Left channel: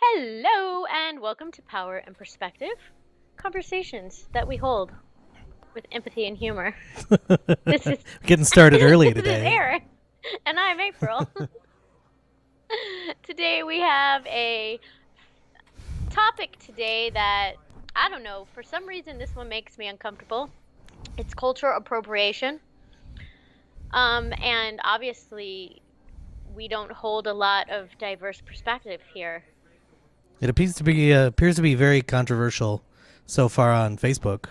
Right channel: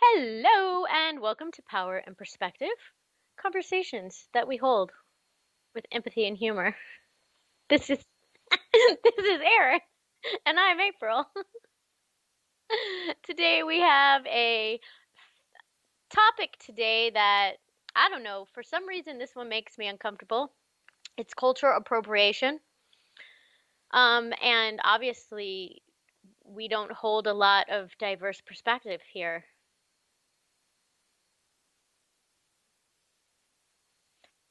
Hello, and welcome to Power and Perspective, conversations that we hold with empathy and humor. This is Getting started early this is today. Erin, and I'm April. Today we have a topic today that I don't know, for some reason this one makes me uncomfortable. It's cultural appropriation. And obviously we don't hold a lot of diverse perspective here. It appears to be very controversial so far on Facebook,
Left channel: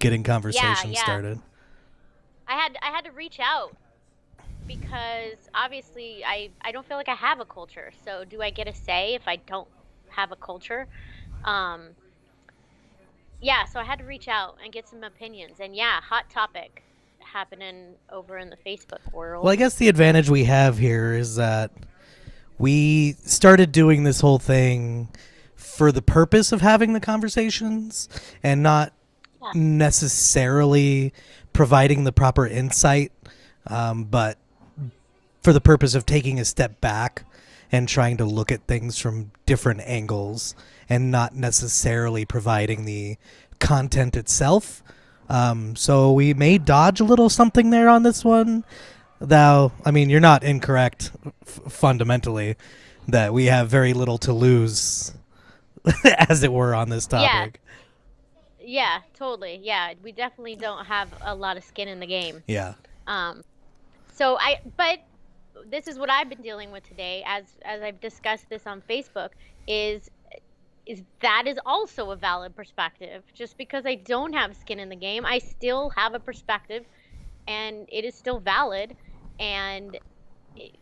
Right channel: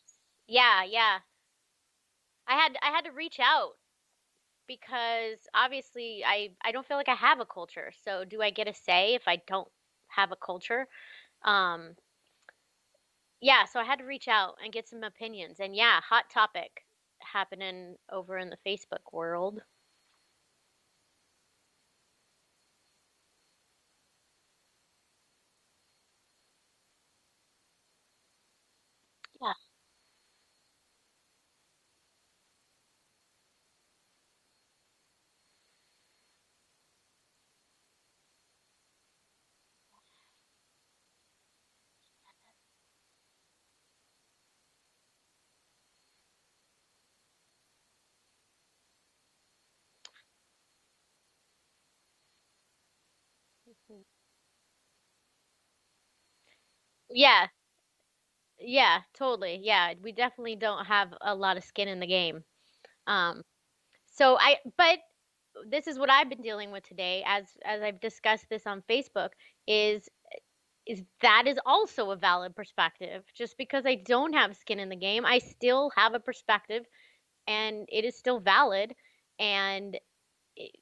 getting Yeah, conversations yeah. started. I had to reach out because obviously I don't feel like I have a culture. So do I get a say if I don't have a culture? Um, yeah, so I had to reach out and get some opinions. And yeah, hot topic happening over in the Facebook Well, I world. guess the advantage we have here is that we started doing this whole thing for the purpose of having the conversations and not Yeah. necessarily providing the proper insight, but for the purpose of taking a step back and trying to look at things from different angles and not necessarily providing the content itself. So we may dodge a little something there on this one. Though, I mean, you're not incorrect fundamentally that we have very little to lose, as it were, on this Yeah, topic. yeah, totally. Yeah, we definitely don't have a lot of skin in the game. Yeah. Um, but this is what I've been dealing with today as I've discussed this on Facebook is that is also a valid perspective. Just because I don't have skin in the game, I still have a perspective and it is still valid and it-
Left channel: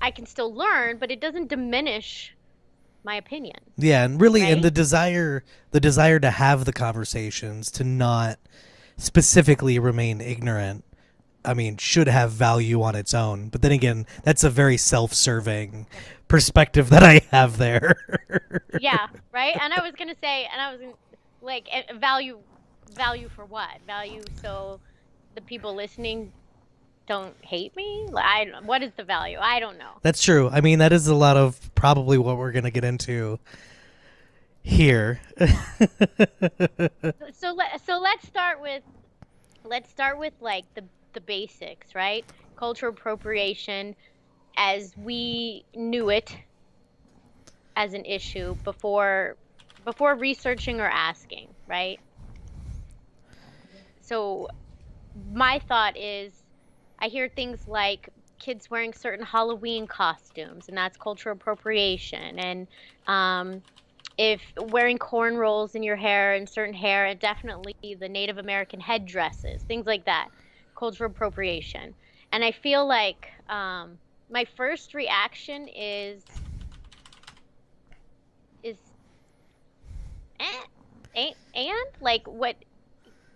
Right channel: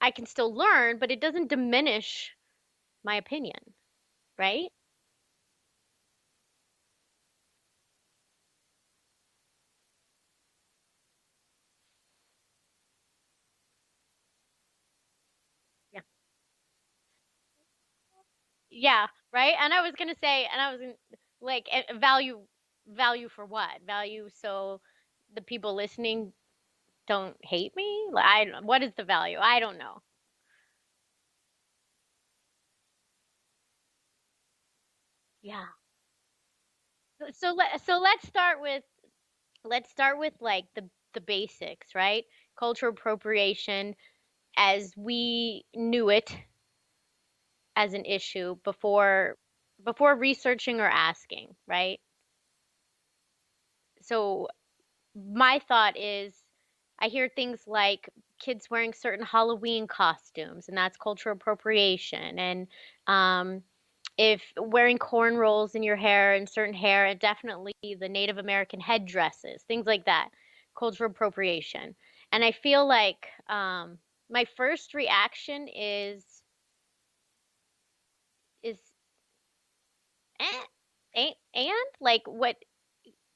I can still learn, but it doesn't diminish my opinion, Yeah, and really, and right? the desire to have the conversations, to not specifically remain ignorant, I mean, should have value on its own. But then again, that's a very self-serving Yeah. perspective that I have there. Yeah, right? And I was going to say and I was gonna, like value for what? Value so the people listening don't hate me? Like, what is the value? I don't know. That's true. I mean, that is a lot of probably what we're going to get into here. Yeah. So let's start with like the basics, right? Cultural appropriation as we knew it as an issue before researching or asking, right? So my thought is I hear things like kids wearing certain Halloween costumes, and that's cultural appropriation. And um, if wearing cornrows in your hair and certain hair, and definitely the Native American headdresses, things like that, cultural appropriation. And I feel like my first reaction is eh, and like what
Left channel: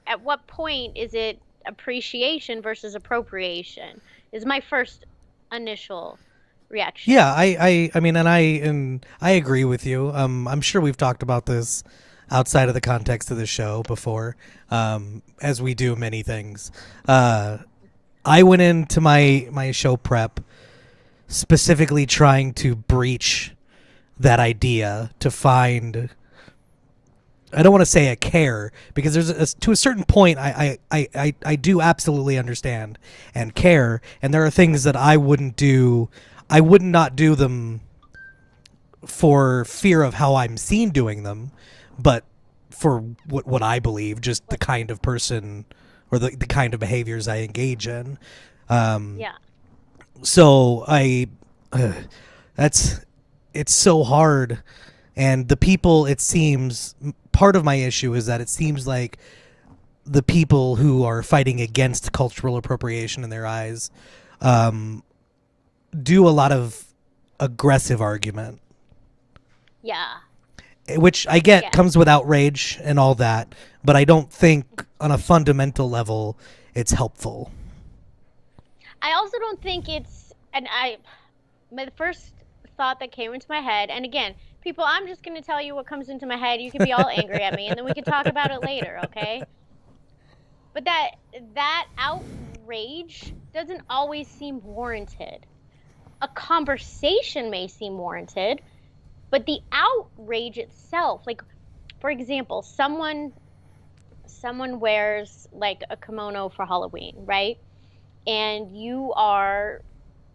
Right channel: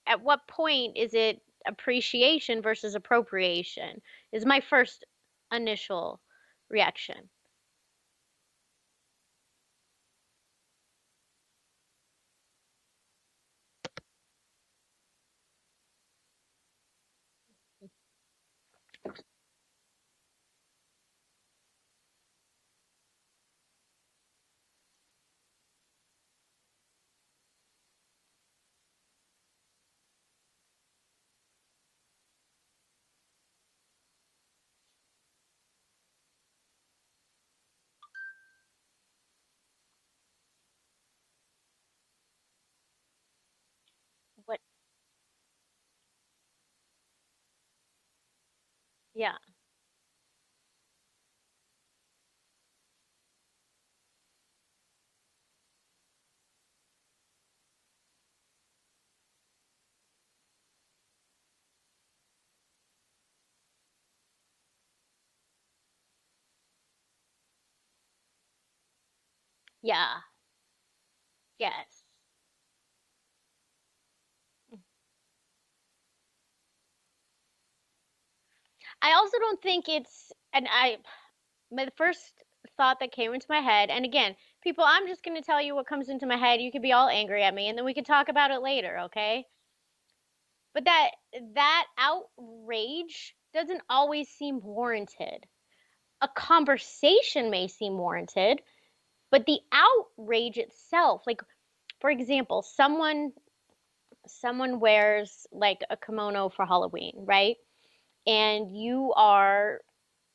at what point is it appreciation versus appropriation is my first initial Yeah, reaction. I mean, and I agree with you. I'm sure we've talked about this outside of the context of the show before, as we do many things. Uh, I went into my show prep specifically trying to breach that idea to find. I don't want to say a care because to a certain point I do absolutely understand and care, and there are things that I wouldn't do. I would not do them for fear of how I'm seen doing them, but for what I believe, just the What? kind of person or the kind of behaviors I engage in. Um, Yeah. so uh, that's it's so hard, and the people, it seems, part of my issue is that it seems like the people who are fighting against cultural appropriation in their eyes um, do a lot of aggressive argument. Yeah. which I get Yeah. comes with outrage and all that, but I don't think on a fundamental level it's helpful. I also don't think it's, and my first thought that came into my head, and again, people, I'm just going to tell you what comes into my head. You can be all angry at me, and then we can talk about it later, okay? But that outrage doesn't always seem warranted. A conversation may seem warranted, but the outrage itself, like for example, someone wears like a kimono for Halloween, right? And you are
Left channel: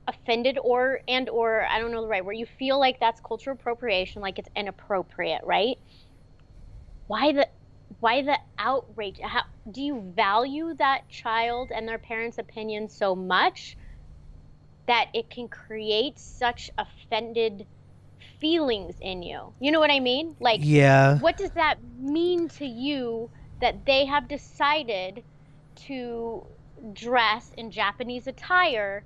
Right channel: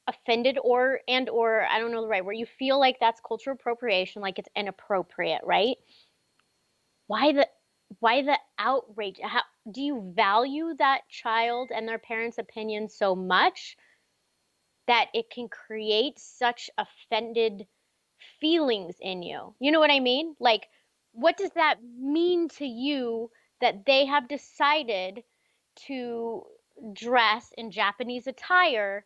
offended or I don't know the right where you feel like that's cultural appropriation, like it's inappropriate, right? Why the why the outrage? How do you value that child and their parents' opinion so much that it can create such offended feelings in you? You know what I mean? Like, Yeah. what does that mean to you that they have decided to dress in Japanese attire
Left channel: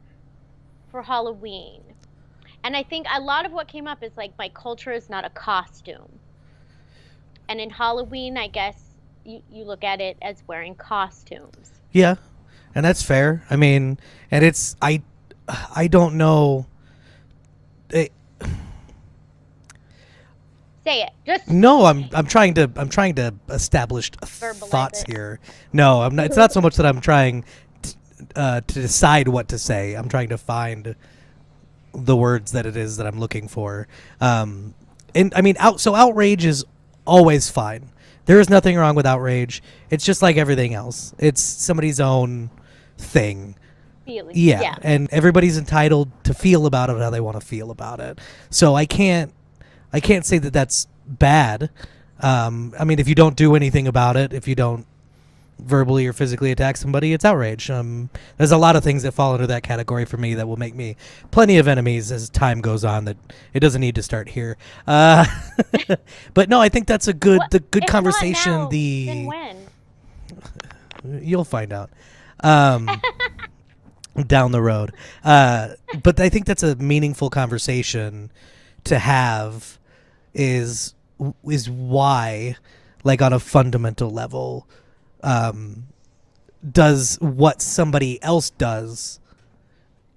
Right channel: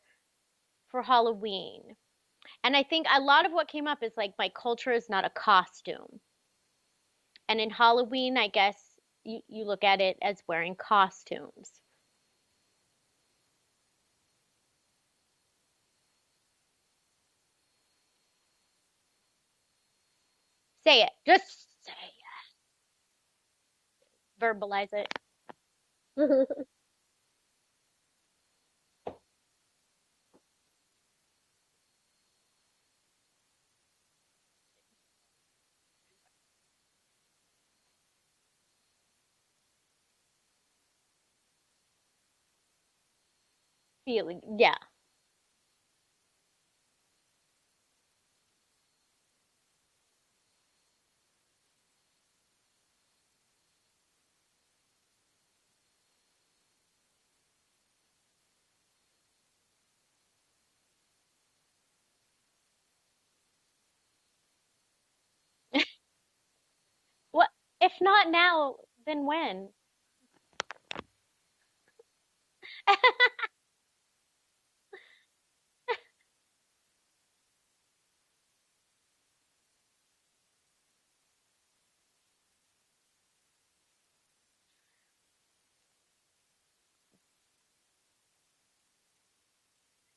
for Halloween? And I think a lot of what came up is like my culture is not a costume. And in Halloween, I guess you look at it as wearing costumes. Yeah. And that's fair. I mean, and I don't know. It, Say it. Just no, I'm trying to establish verbalize thoughts it. here. No, I'm not. It's not so much that I'm trying to decide what to say. I'm trying to find the words that it is that I'm looking for. And I mean, outrage is always fine. There is nothing wrong with outrage. It's just like everything else. It's somebody's own thing. Feeling. Yeah, Yeah. and everybody's entitled to feel about it how they want to feel about it. So I can't say that that's bad. I mean, if you don't do anything about it, if you don't verbally or physically attack somebody, it's outrage. There's a lot of things that fall under that category for me that will make me plenty of enemies as time goes on. That it doesn't need to start here. But no, I think that's What the good if not conversation. now, then when? You'll find out. Down the road. But I think that's a meaningful conversation to have is why, like on a fundamental level, does what somebody else does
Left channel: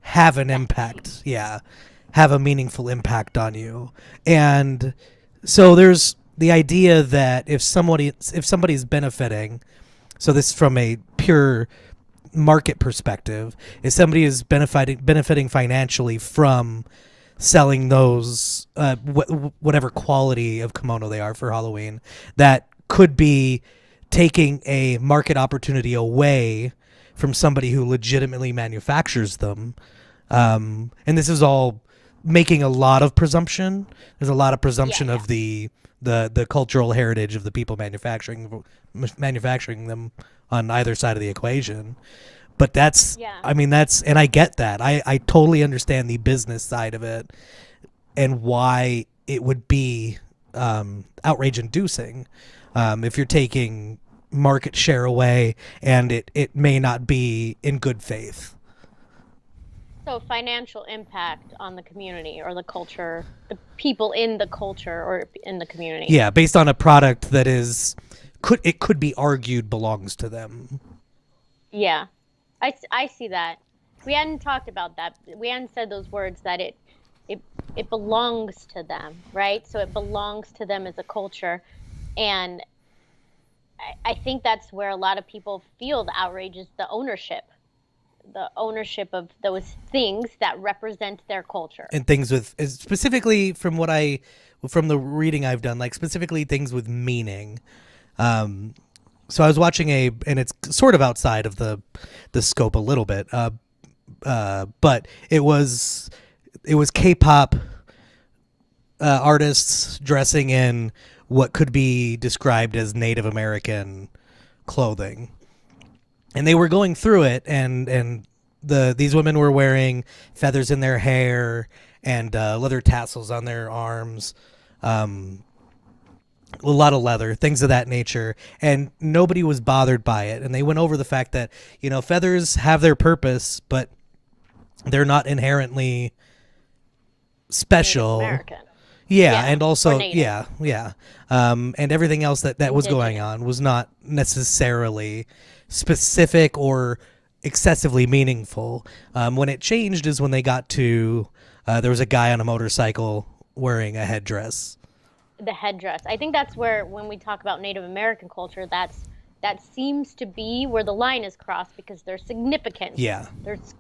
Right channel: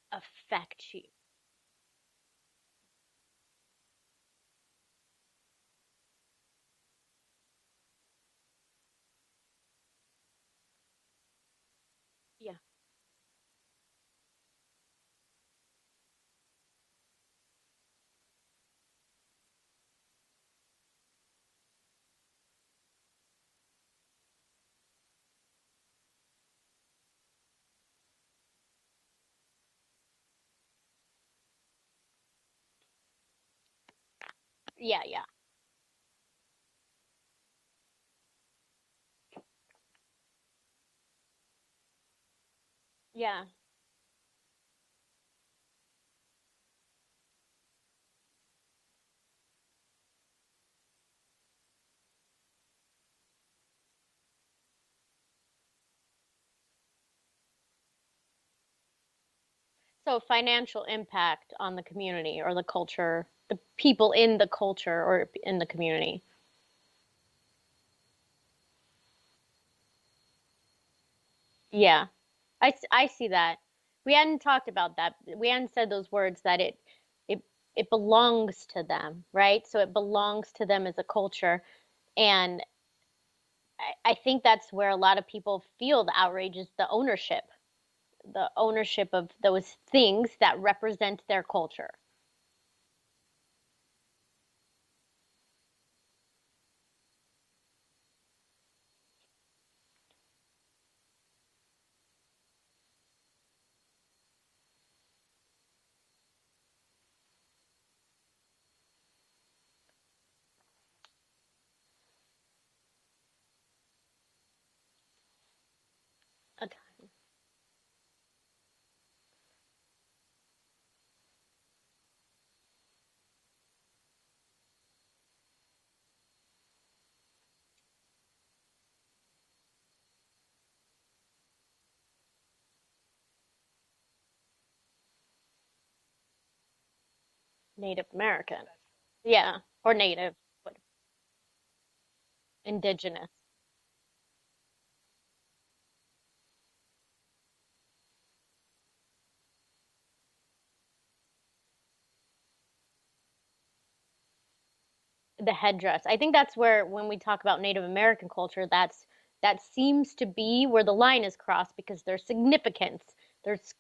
have an impact? Yeah, have a meaningful impact on you. And so there's the idea that if somebody's benefiting, so this is from a pure market perspective, if somebody is benefiting financially from selling those whatever quality of kimono they are for Halloween, that could be taking a market opportunity away from somebody who legitimately manufactures them. And this is all making a lot of presumption. There's a lot of Yeah, presumption yeah. of the cultural heritage of the people manufacturing them on either side of the equation. But Yeah. I mean, and I get that. I totally understand the business side of it and why it would be outrage inducing if you're taking market share away and it may not be in good faith. So financial impact on the community or the culture, the people in the culture or in the community. Yeah, based on a product that could be argued belongs to them. Yeah. I see that. We hadn't talked about that. We hadn't said those words that it it belongs to them, right? So it belongs to them as a culture. And I think that's where a lot of people feel the outrage is the ownership of those things that represent their culture. And things with specifically from the reading I've done, like specifically things with meaning. So I was watching and it's sort of outside of the scope a little bit, but it was K-pop artists dressing in what could be described as Native American clothing, and they were going through it, and these women were wearing feathers in their hair and leather tassels on their arms. A lot of leather, things of that nature, and nobody was bothered by it. And they went over the fact that feathers have their purpose, but they're not inherently Native special. American. Yeah, Yeah, and or also native, yeah. And everything else that was going indigenous. on was not necessarily specific or excessively meaningful. When it changed is when they got to there was a guy on a motorcycle wearing a headdress. The headdress. I think that's where, when we talk about Native American culture, that seems to be where the line is crossed because there's significance. Yeah, There's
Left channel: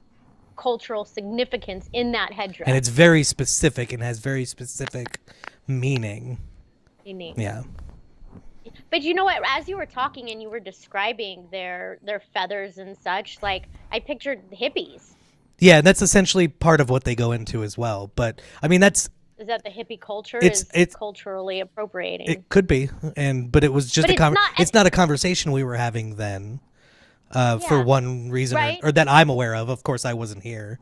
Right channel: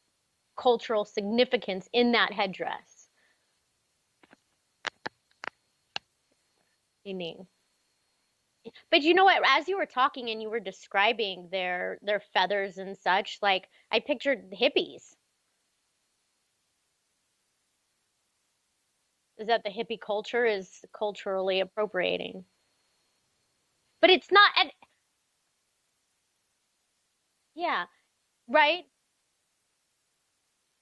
cultural significance in that and it's headdress. very specific and has very specific meaning. Meaning. Yeah, But you know what? As you were talking and you were describing their feathers and such, like I pictured hippies. yeah, and that's essentially part of what they go into as well. But I mean, Is that the hippie culture it's is it's culturally appropriating? it could be, but it was just But it's not, and it's not a conversation we were having then. For yeah, one reason right? or that I'm aware of. Of course, I wasn't here.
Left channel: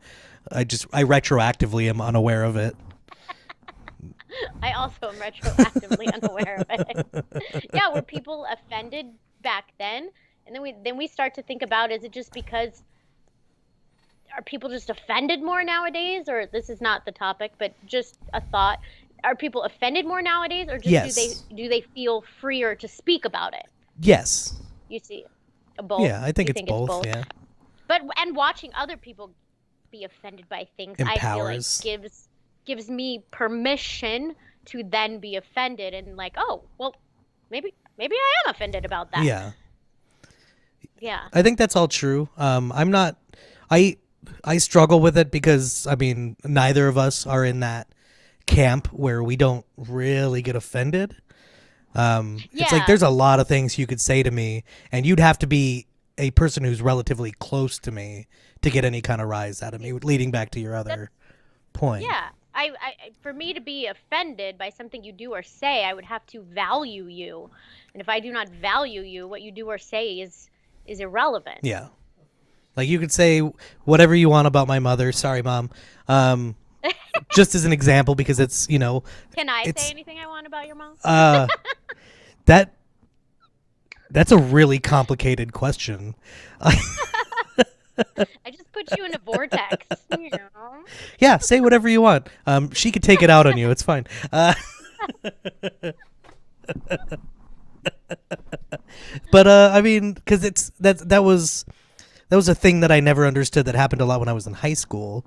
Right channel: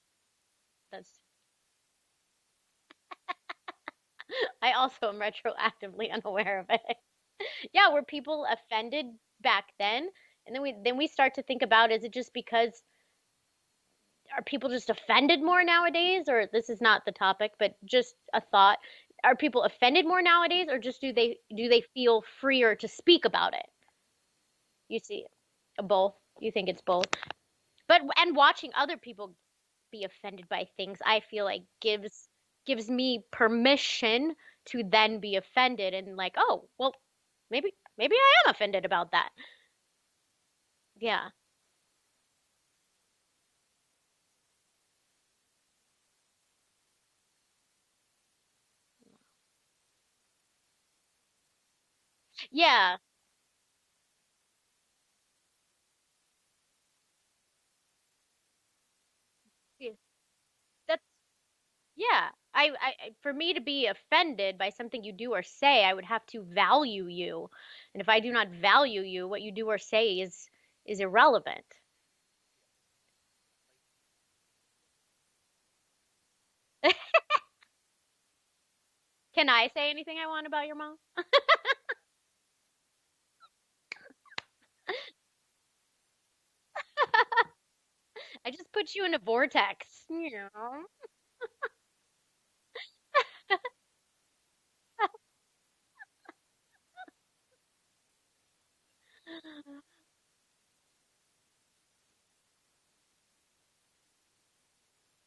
I retroactively am unaware of it. I also am retroactively unaware of it. Yeah, were people offended back then? And then we start to think about, is it just because, are people just offended more nowadays? Or this is not the topic, but just a thought. Are people offended more nowadays, or just do they Yes. do they feel freer to speak about it? Yes. You see, both. Yeah, I think You it's think it's both. both? Yeah. But and watching other people be offended by things, I feel like Empowers. gives me permission to then be offended and like, oh, well, maybe I am offended about that. Yeah. Yeah. I think that's all true. I'm not. I I struggle with it because I mean neither of us are in that camp where we don't really get offended. It's like Yeah. there's a lot of things you could say to me, and you'd have to be a person who's relatively close to me to get any kind of rise out of me. Leading back to your That's other point. yeah. For me to be offended by something you do or say, I would have to value you. And if I do not value you, what you do or say is irrelevant. Yeah. Like you could say whatever you want about my mother. Sorry, mom. Um, just as an example, because it's Can I say it's anything I want about your mom? uh that that's a really complicated question. I just put you in a vortex. You know? Yeah, say whatever you want. She could take it out on you. It's fine. But I mean, because that was a thing that I never understood that happened a lot when I was in high school,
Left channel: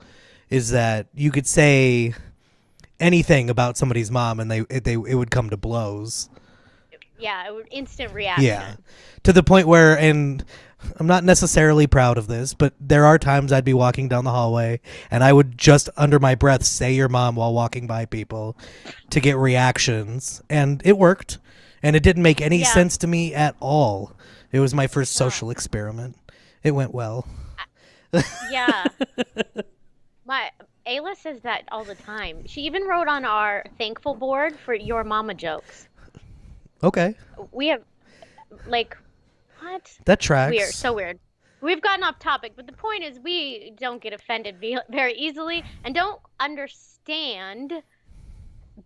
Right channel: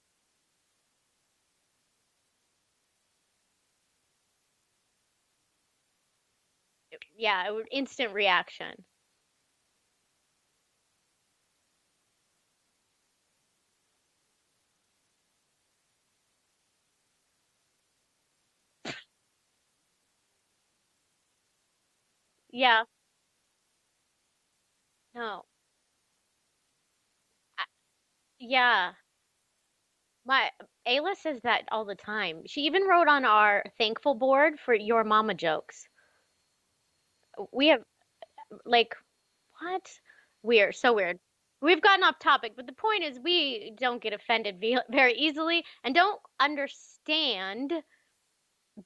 is that you could say anything about somebody's mom and it would come to blows. Yeah, instant Yeah. reaction. To the point where, and I'm not necessarily proud of this, but there are times I'd be walking down the hallway and I would just under my breath say your mom while walking by people to get reactions. And it worked. And it didn't make any Yeah. sense to me at all. It was my first No. social experiment. It went well. Yeah. My Ayla says that all the time. She even wrote on our thankful board for your mama jokes. Okay. We have like what? That tracks. Weird, so weird. We've gotten off topic, but the point is we don't get offended very easily and don't understand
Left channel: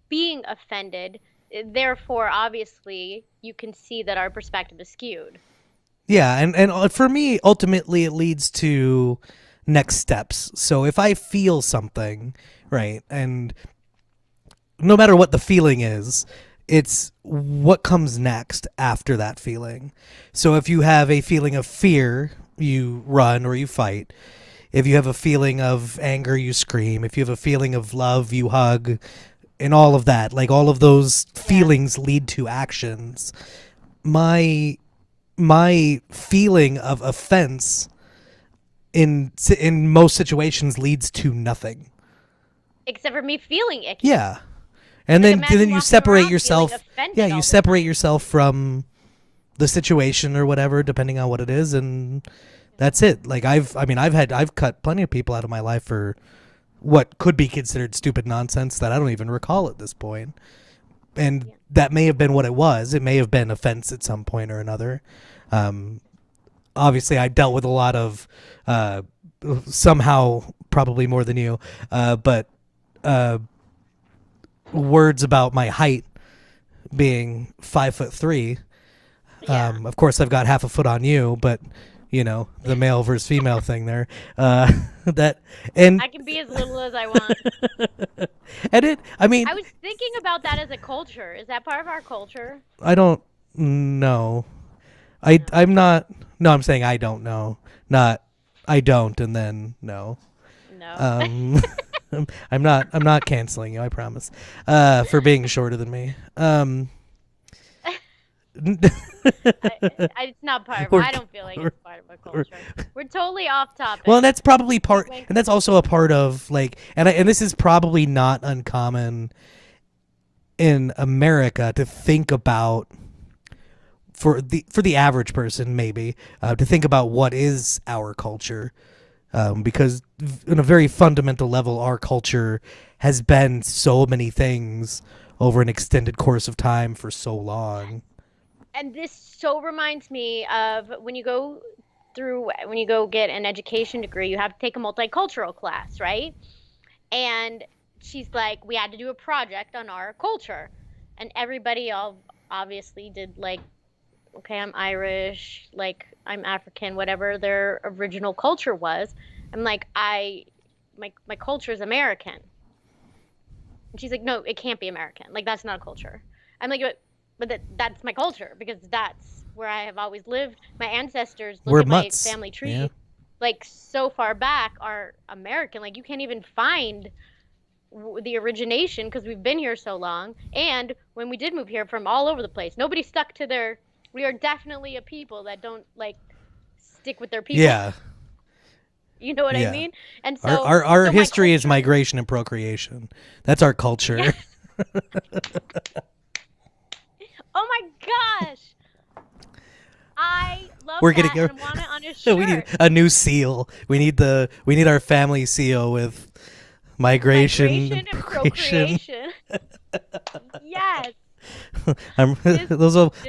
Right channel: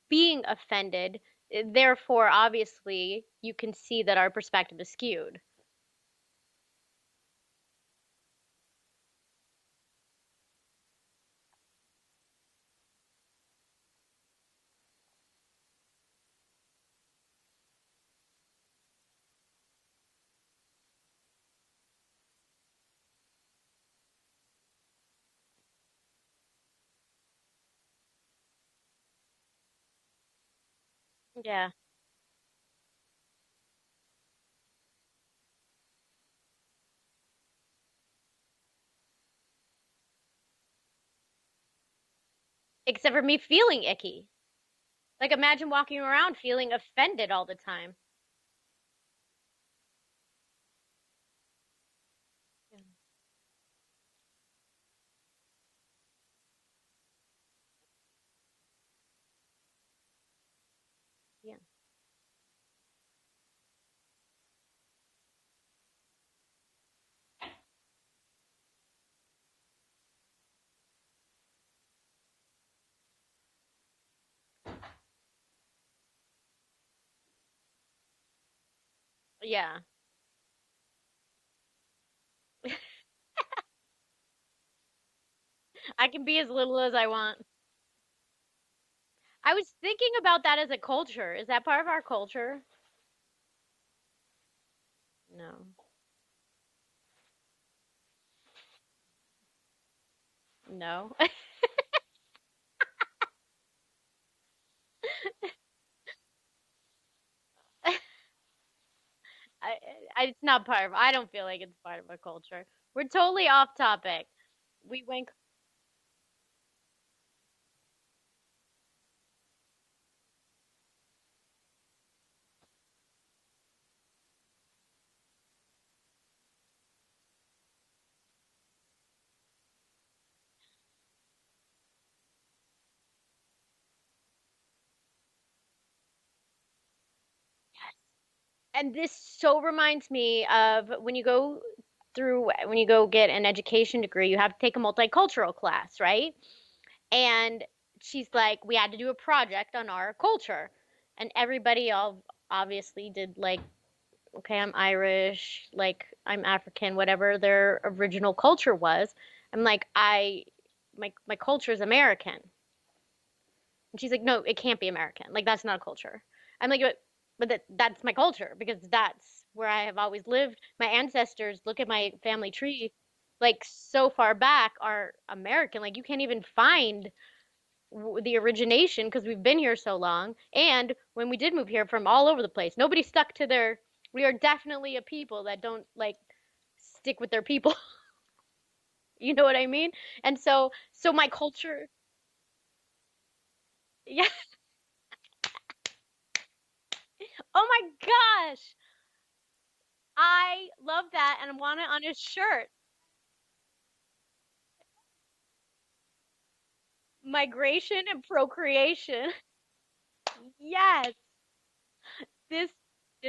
being offended. Therefore, obviously, you can see that our perspective is skewed. Yeah, and for me, ultimately, it leads to next steps. So if I feel something, right, and no matter what the feeling is, it's what comes next after that feeling. So if you have a feeling of fear, you run or you fight. If you have a feeling of anger, you scream. If you have a feeling of love, you hug. And all of that, like all of those Yeah. feelings lead to actions. My feeling of offense in most situations leads to nothing. Except for me feeling icky. Yeah. And Like then imagine then you walking separate around yourself. feeling offended Yeah, all you the separate time. yourself from the situation or whatever, depending on what it is, and that's it. Like I've cut plenty of people out of my life for what could be considered stupid nonsense that I don't even recall at this point. And Yeah. that may have been what it was. It may have been offense at some point or another. Um, Obviously, I dealt with a lot of somehow probably more than you, but uh, words about my height being 5'3". Yeah. Of course, I've got half a foot on you, but the male versus female thing there. That and I can be as little as I want. And I mean, I was thinking about that as a culture. Is that part of our culture? I don't know. No. I'm not. No, I'm saying I don't know. Not I don't, and then no. No. Um, I'm not canceling you. I promise. For being shorter than me. It's not part of. Or, I don't feel like or, it's part of a or, culture. We're totally off well, and topic. that's probably We part, went. and that's also a part of like, and this is probably not uncommon in America to think about for the average person maybe to think about what is our culture because in a very fundamental level our culture has been so many things over an extended course of time for so long. And this so reminds me of when you go get an education degree, you have to take a multicultural class, right? And she's like, we had to do a project on our culture, and everybody all obviously did like, okay, I'm Irish, like I'm African, whatever their original culture was. I'm like, my culture is American. And she's like, no, it can't be American. Like that's not a culture. I'm like, that's my culture because that's where I have always lived. My ancestors, look We're at my mutts. family Yeah, tree, like so far back are American. Like you can't even find the origination because we've been here so long. And when we did move here from all over the place, nobody stuck to their. We are definitely a people that don't like stick with their people. yeah, You know what I yeah. mean? And our so, our, our so my history is culture, migration and procreation. That's our yeah. culture. Oh my gosh, I love We're that getting and want it on a we need shirt. a new seal. We need our family seal with migration Migration and and procreation. procreation. Yes, this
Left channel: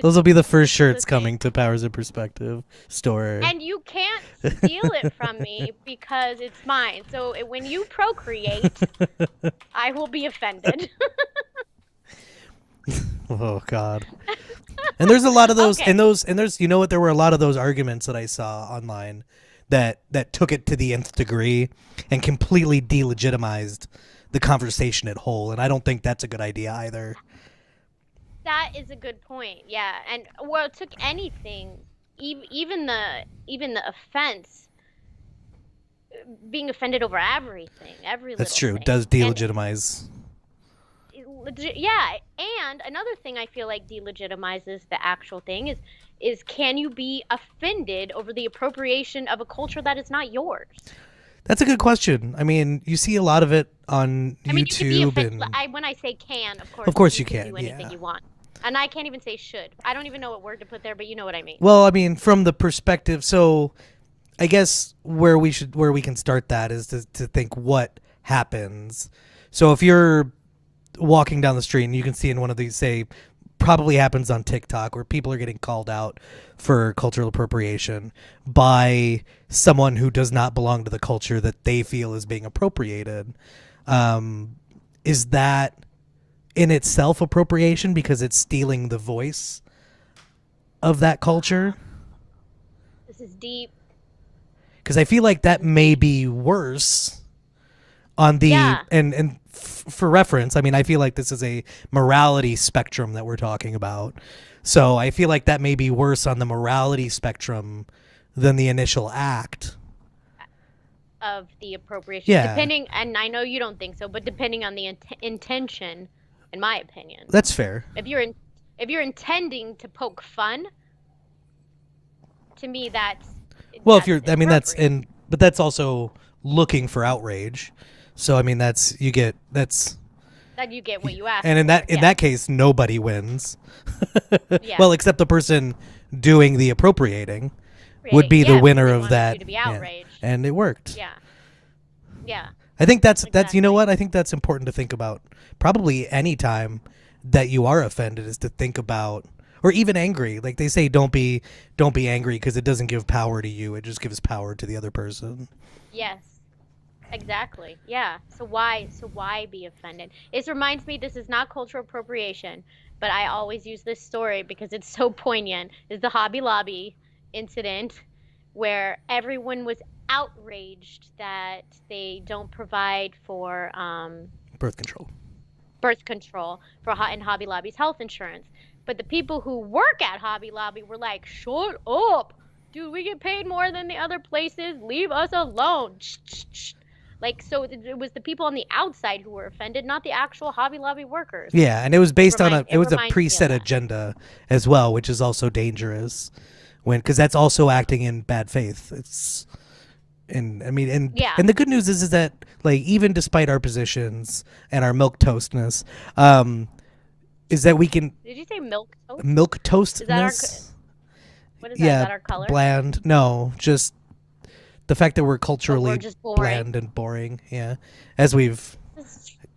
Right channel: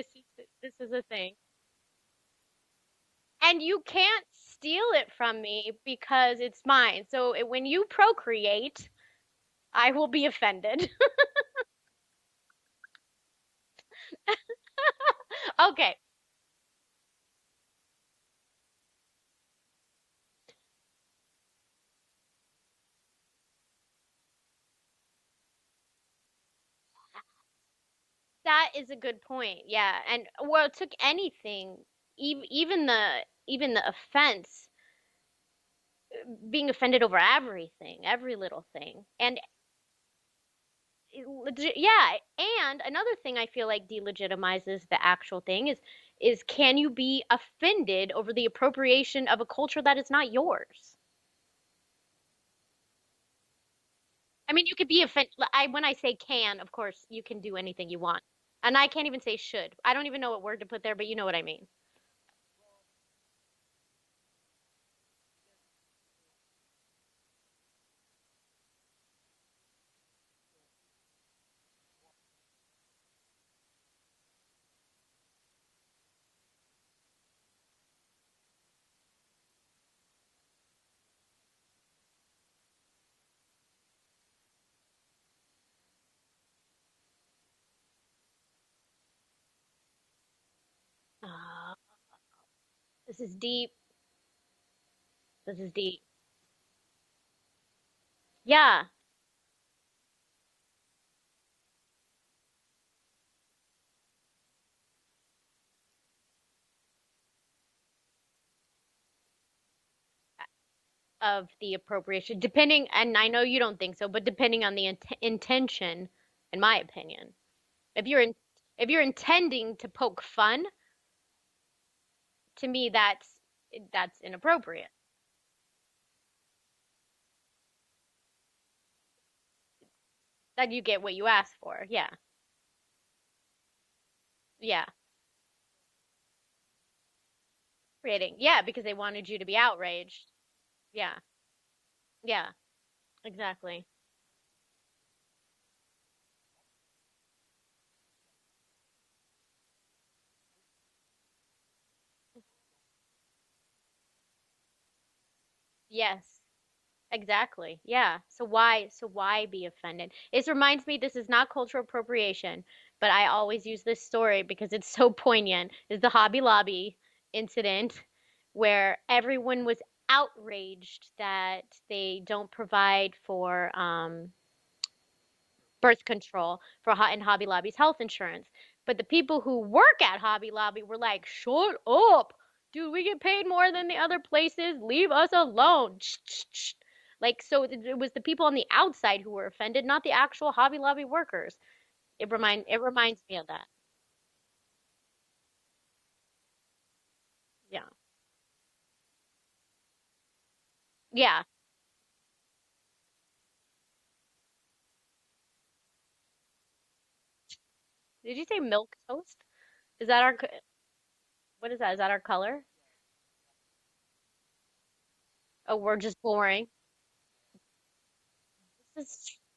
Those will be the this first is a shirts thing. coming to Powers of Perspective store. And you can't steal it from me because it's mine. So when you procreate, I will be offended. Oh God. And there's a lot of those Okay. and there's you know what, there were a lot of those arguments that I saw online that took it to the nth degree and completely delegitimized the conversation at whole, and I don't think that's a good idea either. That is a good point. Yeah. And well, it took anything, even the offense, being offended over everything, every That's little true. It thing. does And delegitimize. yeah, and another thing I feel like delegitimizes the actual thing is can you be offended over the appropriation of a culture that is not yours? That's a good question. I mean, you see a lot of it on I mean, you could be YouTube offended. and I when I say can, of of course, course you you can can. do anything Yeah. you want. And I can't even say should. I don't even know what word to put there, but you know what I mean. Well, I mean, from the perspective, so I guess where we can start that is to think what happens. So if you're walking down the street and you can see in one of these, say, probably happens on TikTok where people are getting called out for cultural appropriation by someone who does not belong to the culture that they feel is being appropriated. Um, is that in itself appropriation because it's stealing the voice of that culture? This is deep. Because I feel like This that is may deep. be worse on the Yeah. for reference. I mean, I feel like this is a morality spectrum that we're talking about. So I feel like that may be worse on the morality spectrum than the initial act. Of the appropriation, Yeah, depending, and I know you don't think so, but depending on the intention, in my opinion, that's fair. if you're in, if you're intending to poke fun, to me Well, if that's you're, I mean, inappropriate. but that's also looking for outrage. So I mean, that's you get that's Then you get what you asked and for. in Yeah, that case, nobody wins. yeah. Well, except the person doing the appropriating would Creating, be the yeah, because winner they of wanted you that. to be Yeah, outraged. and it worked. Yeah, yeah, I think that's you know exactly. what, I think that's important to think about. Probably any time that you are offended is to think about, or even angry. Like they say, don't be angry because it doesn't give power to you. It just gives power to the other person. Yes, exactly. Yeah. So why be offended? It reminds me this is not cultural appropriation, but I always use this story because it's so poignant. Is the Hobby Lobby incident where everyone was outraged that they don't provide for Birth control. birth control in Hobby Lobby's health insurance. But the people who work at Hobby Lobby were like, shut up. Dude, we get paid more than the other places. Leave us alone. Like, so it was the people on the outside who were offended, not the actual Hobby Lobby workers. Yeah, and it was based on a reminds me of preset that. agenda as well, which is also dangerous because that's also acting in bad faith. Yeah. And the good news is that like even despite our positions and our milk toastness, is that we can Did you say milk toast? milk toastness. Is that our what is that? Is that our color? Bland. No, just the fact that we're culturally we're just boring. bland and boring. Yeah, as we've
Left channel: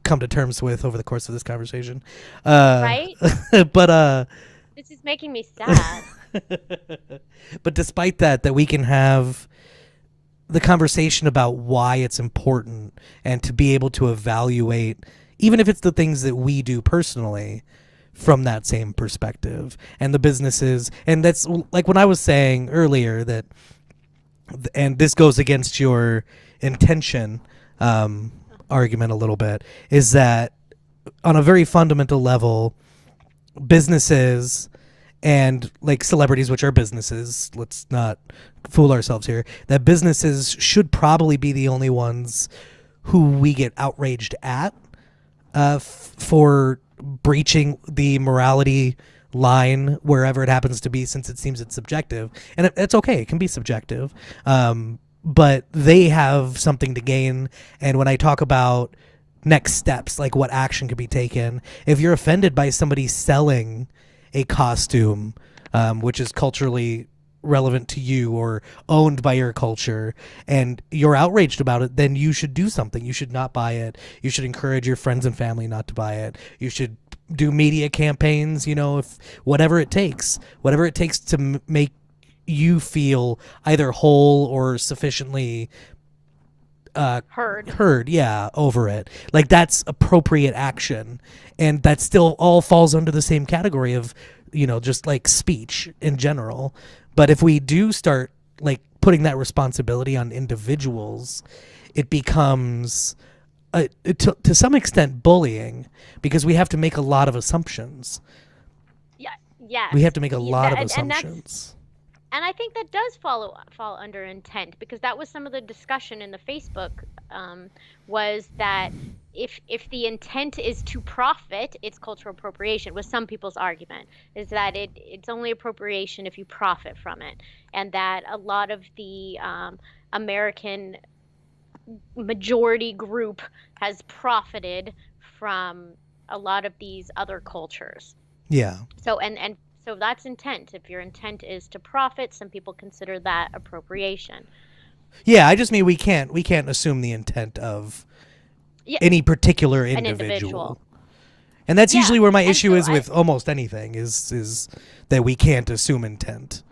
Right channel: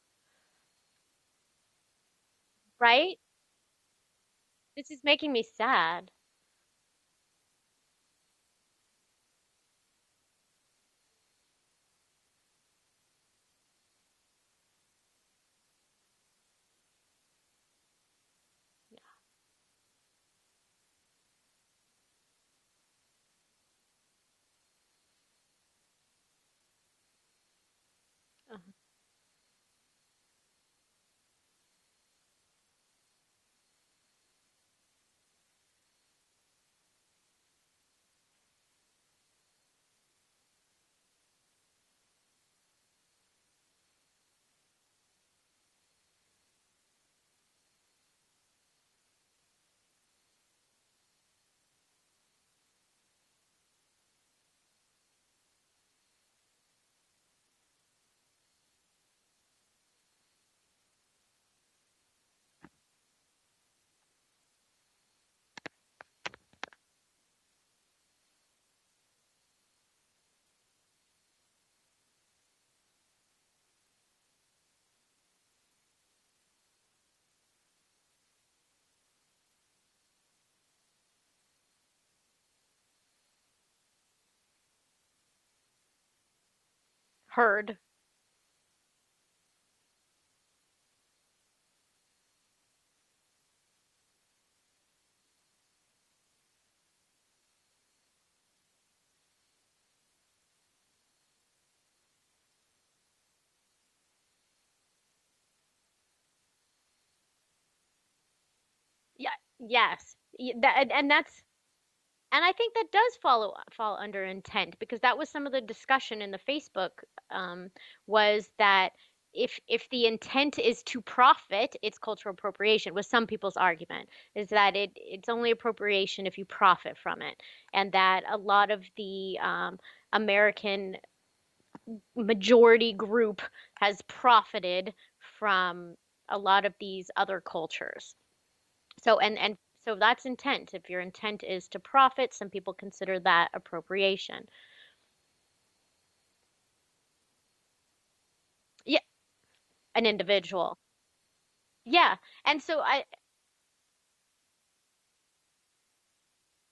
come to terms with over the course of this conversation. Right? But this is making me sad. but despite that we can have the conversation about why it's important and to be able to evaluate, even if it's the things that we do personally, from that same perspective, and the businesses. And that's like when I was saying earlier that, and this goes against your intention argument a little bit, is that on a very fundamental level, businesses and like celebrities, which are businesses, let's not fool ourselves here, that businesses should probably be the only ones who we get outraged at for breaching the morality line wherever it happens to be, since it seems it's subjective. And it's okay, it can be subjective, but they have something to gain. And when I talk about next steps, like what action could be taken, if you're offended by somebody selling a costume which is culturally relevant to you or owned by your culture, and you're outraged about it, then you should do something. You should not buy it. You should encourage your friends and family not to buy it. You should do media campaigns, if whatever it takes to make you feel either whole or sufficiently heard, yeah, over it. Like, that's appropriate action, and that still all falls under the same category of just like speech in general. But if we do start like putting that responsibility on individuals, it becomes to some extent bullying, because we have to make a lot of assumptions. Yes. We have to make a lot of assumptions. And I think that does fall under intent, because that was some of the discussion in the Facebook, was that if the intent is to profit, it's cultural appropriation. Was some people's argument, is that it's only appropriation if you profit from it, and that a lot of the American majority group has profited from a lot of these other cultures. Yeah. So so that's intent. If your intent is to profit, some people consider that appropriation. Yeah, I just mean we can't assume the intent of any particular individual. And that's usually where my issue is with almost anything, is that we can't assume intent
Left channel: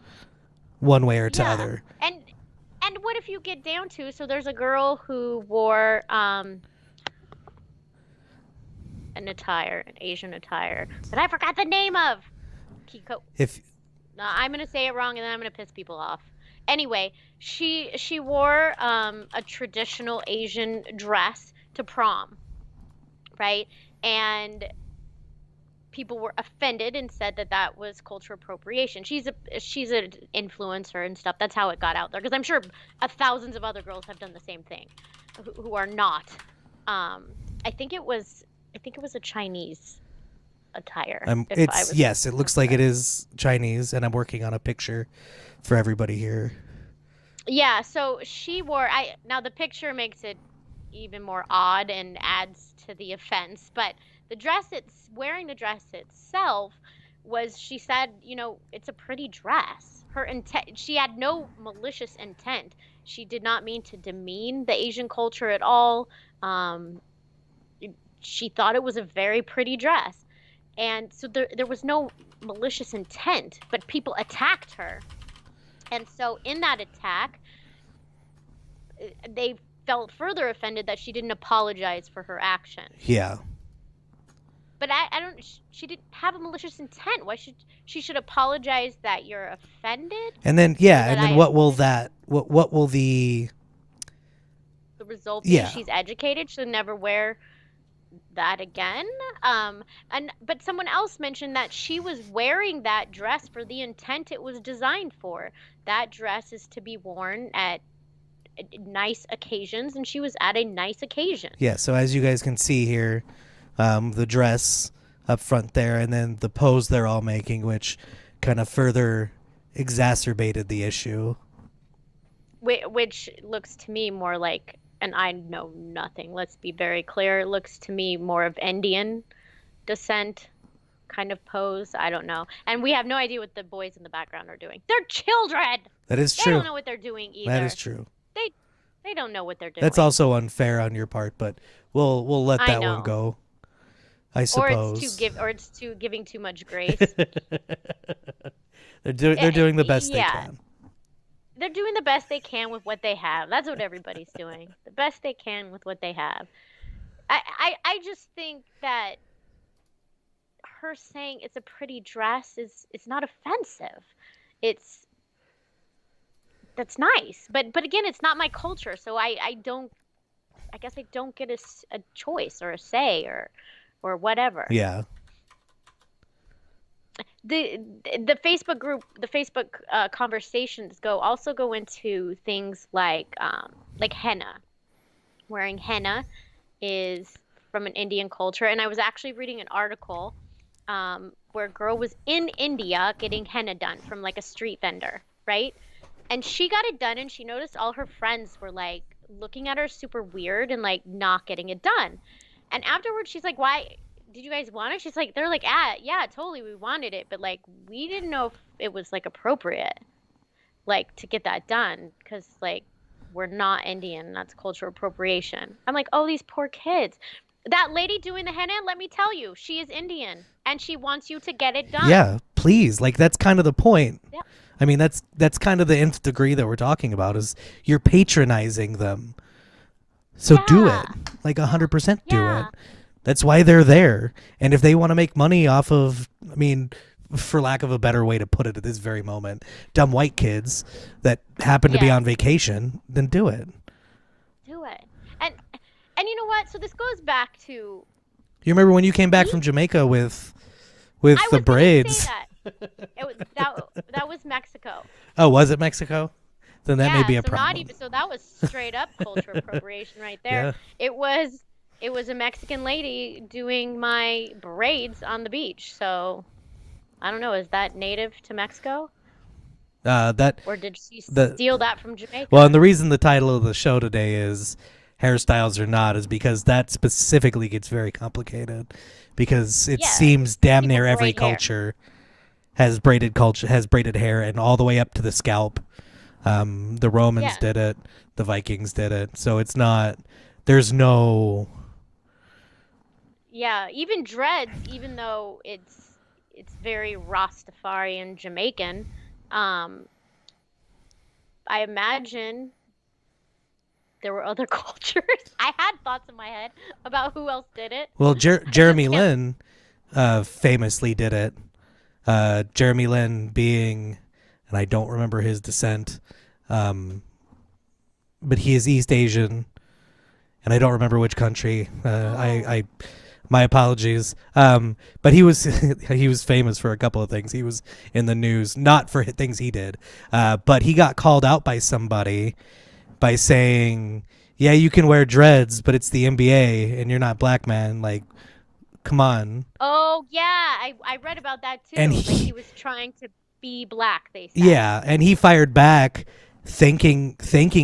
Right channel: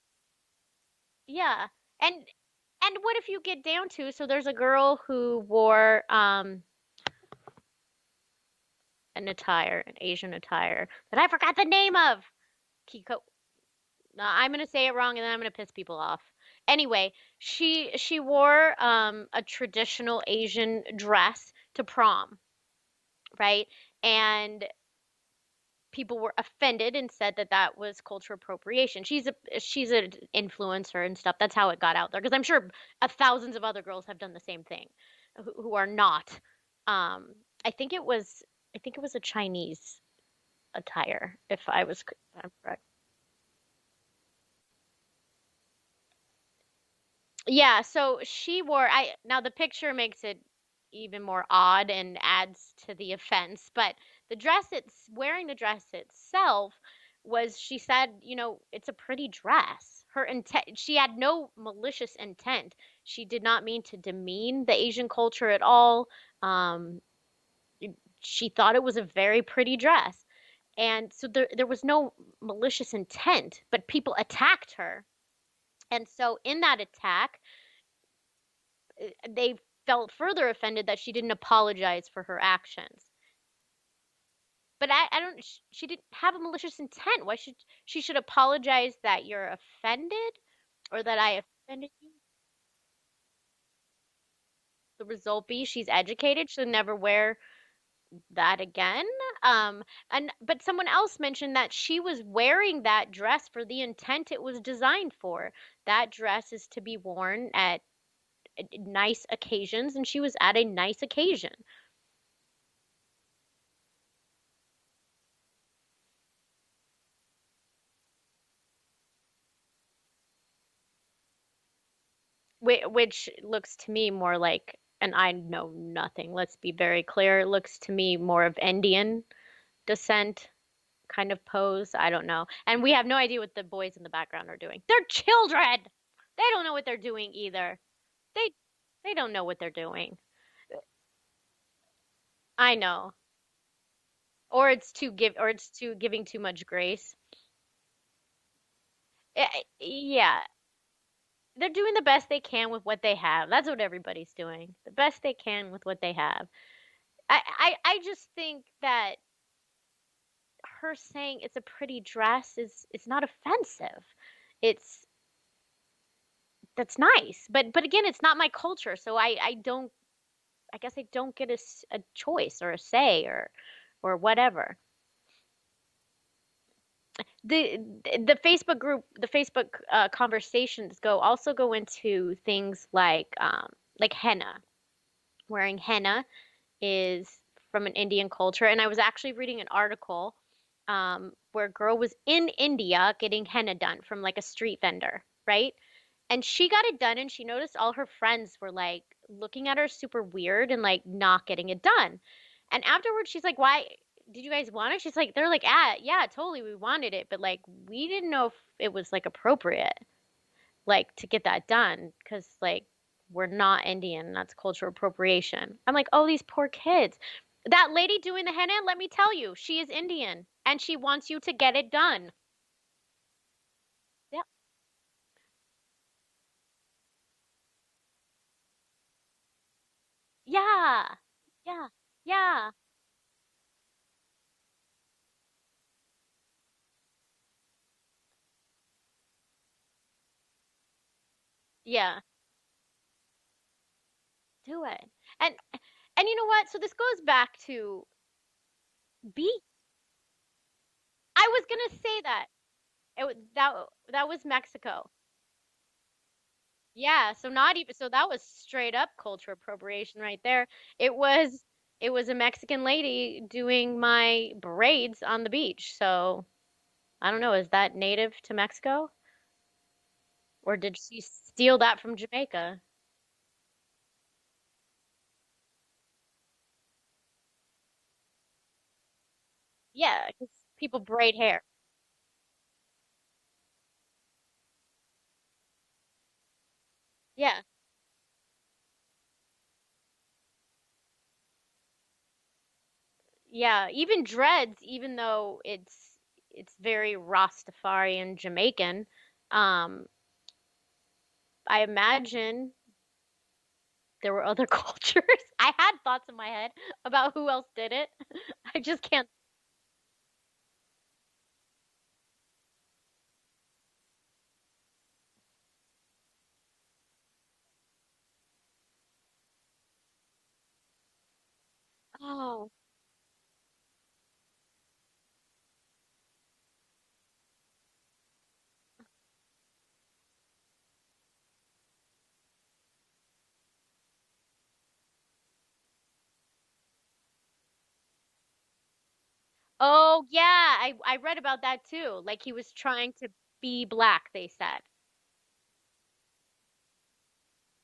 one way or the other. And what if you get down to, so there's a girl who wore an Asian attire that I forgot the name of. Kiko. No, I'm gonna say it wrong, and then I'm gonna piss people off. Anyway, she wore a traditional Asian dress to prom, right? And people were offended and said that was cultural appropriation. She's an influencer and stuff. That's how it got out there, because I'm sure thousands of other girls have done the same thing, who are not. I think it was a Chinese attire. It looks like it is Chinese, and I'm working on a picture for everybody here. Yeah, so she wore, now the picture makes it even more odd and adds to the offense, but wearing the dress itself was, she said, it's a pretty dress. Her intent, she had no malicious intent. She did not mean to demean the Asian culture at all. She thought it was a very pretty dress. And so there was no malicious intent, but people attacked her. And so in that attack, they felt further offended that she didn't apologize for her actions. Yeah. But she didn't have a malicious intent. Why she should apologize that you're offended? And then, what will the result be? She's educated. She'll never wear that again. And but someone else mentioned that she was wearing that dress for the intent it was designed for. That dress is to be worn at nice occasions, and she was at a nice occasion. Yeah, so as you guys can see here, the dress up front there, and then the pose they're all making, which kind of further exacerbated the issue. Which looks to me more like, and I know nothing, let's be very clear, it looks to me more of Indian descent kind of pose. I don't know. And we have no idea what the boys in the background are doing. They're children. That is They true. don't know what they're doing That either. is true. They they don't know what they're That's doing. also unfair on your part, but we'll let I that one know. go, I Or suppose. it's too giving too much grace. They're doing the best they Yeah, can. they're doing the best they can with what they have. That's what everybody's doing. The best they can with what they have. I just think that her saying it's a pretty dress is not offensive. It's That's nice. But again, it's not my culture, so I don't, I guess I don't get a choice or a say or whatever. Yeah. The Facebook group, the Facebook conversations go into things like henna. Wearing henna is from an Indian culture, and I was actually reading an article where a girl was in India getting henna done from like a street vendor, right? And she got it done, and she noticed all her friends were like looking at her super weird and like not getting it done. And afterwards, she's like, "Why did you guys want it?" She's like, "They're like, ah, yeah, totally, we wanted it, but like we didn't know if it was like appropriate, like to get that done, because like we're not Indian, that's cultural appropriation." I'm like, "Oh, these poor kids." That lady doing the henna, let me tell you, she is Indian, and she wants you to get it done. Yeah, please. Like that's kind of the point. Yeah, I mean, that's kind of the nth degree that we're talking about is you're patronizing them. So do it. yeah, Like yeah, 100% do it. yeah, That's why they're there. And if they want to make money off of, I mean, for lack of a better way to put it at this very moment, dumb white kids that happen to be yeah. on vacation, then do it. Do it. And and you know what? So this goes back to You remember when you came back we. from Jamaica with I the was gonna say braids? that. That was Mexico. Oh, was it Mexico? Then that may Yeah. be a So not problem. even, so that was straight up culture appropriation right there. Yeah. It was it was a Mexican lady doing my braids on the beach. So I don't know. Is that native to Mexico, That or did she the steal that from Well, and Jamaica? the reason the title of the show today is hairstyles or not is because that specifically gets very complicated because it Yeah. seems damn People near every braid hair. culture has braided hair and all the way up to the scalp. The Romans Yeah. did it, the Vikings did it. So it's not there's no Yeah. Even dreads, even though it's very Rastafarian Jamaican. Um, I imagine there were other cultures. I had thoughts in my head about who else did it. well I just Jeremy can't. Lin famously did it. Jeremy Lin being and I don't remember his descent. Um, but he is East Asian, and I don't remember which country. Oh, I my apologies. But he was he was famous for a couple of things. He was in the news not for things he did, but he got called out by somebody by saying, "Yeah, you can wear dreads, but it's the NBA, and you're not black man. Like, come on." oh yeah, I read about that And too. Like he was trying to be black, they said. yeah, and he fired back, thanking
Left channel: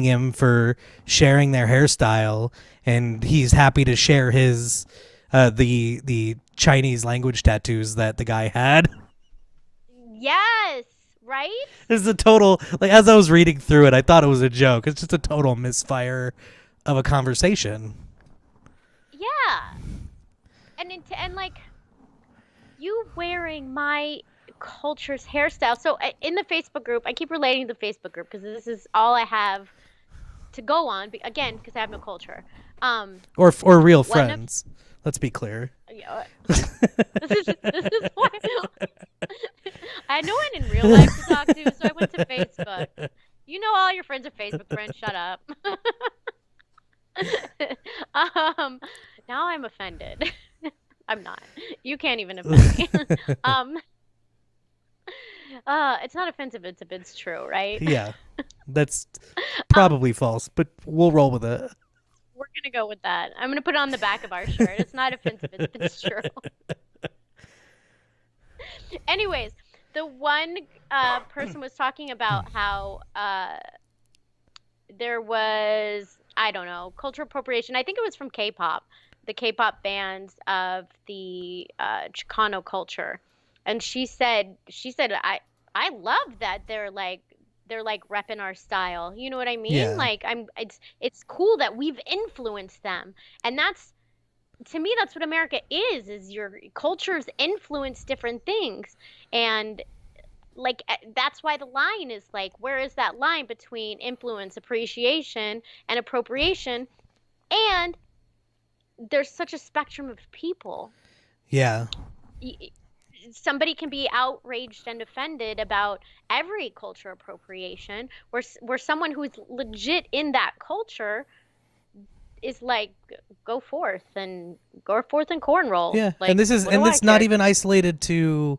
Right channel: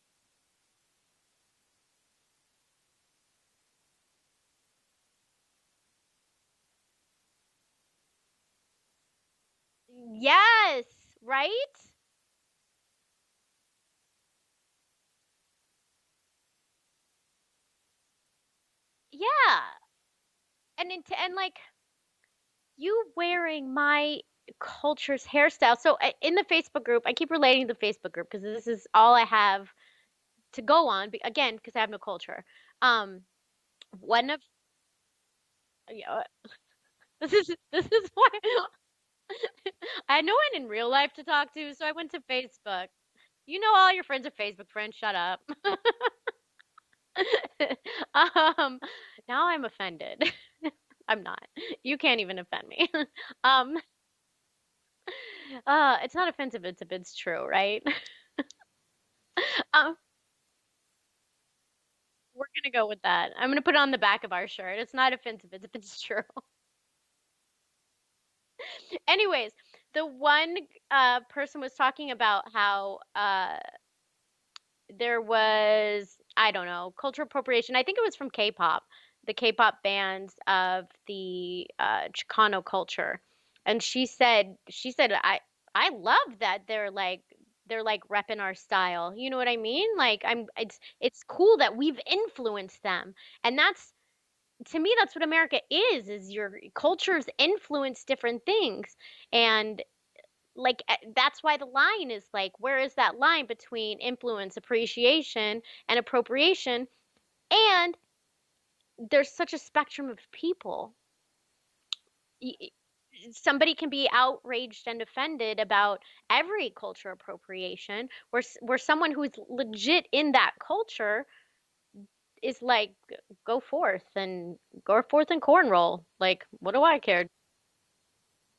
him for sharing their hairstyle, and he's happy to share his the Chinese language tattoos that the guy had. Yes, right? It's a total like as I was reading through it, I thought it was a joke. It's just a total misfire of a conversation. Yeah. And like you wearing my culture's hairstyle. So in the Facebook group, I keep relating to the Facebook group because this is all I have to go on. Again, because I have no culture. Or real One of friends. Let's be clear. Yeah, this is why I had no one in real life to talk to, so I went to Facebook. You know, all your friends are Facebook friends. Shut up. um, now I'm offended. I'm not. You can't even offend me. Um, it's not offensive, it's true, right? Yeah, that's Um, probably false, but we'll roll with it. we're gonna go with that. I'm gonna put it on the back of our shirt. It's not offensive, it's true. Anyways, the one person was talking about how there was, I don't know, cultural appropriation. I think it was from K-pop, the K-pop bands of the Chicano culture. And she said I love that they're like repping our style. You know what I mean? Yeah, Like it's cool that we've influenced them. And that's, to me, that's what America is your cultures influence different things. And like that's why the line is like, where is that line between influence, appreciation, and appropriation? And there's such a spectrum of people. yeah, Y- Somebody can be outraged and offended about every culture appropriation, where someone who's legit in that culture is like, go forth and cornroll. yeah. And Like, this is what do and I it's not care? even isolated to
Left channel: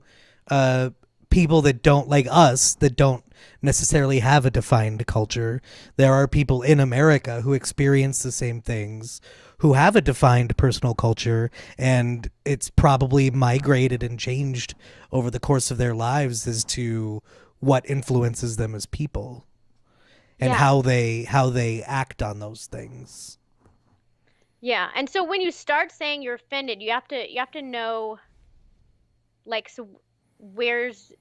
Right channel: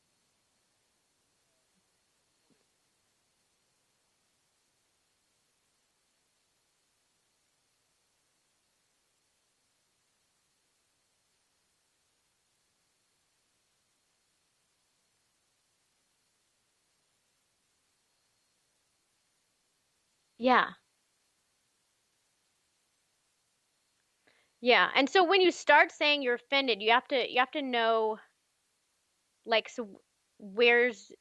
uh, people that don't like us that don't necessarily have a defined culture. There are people in America who experience the same things, who have a defined personal culture, and it's probably migrated and changed over the course of their lives as to what influences them as people and Yeah. how they act on those things. Yeah. And so when you start saying you're offended, you have to know, like, so where's,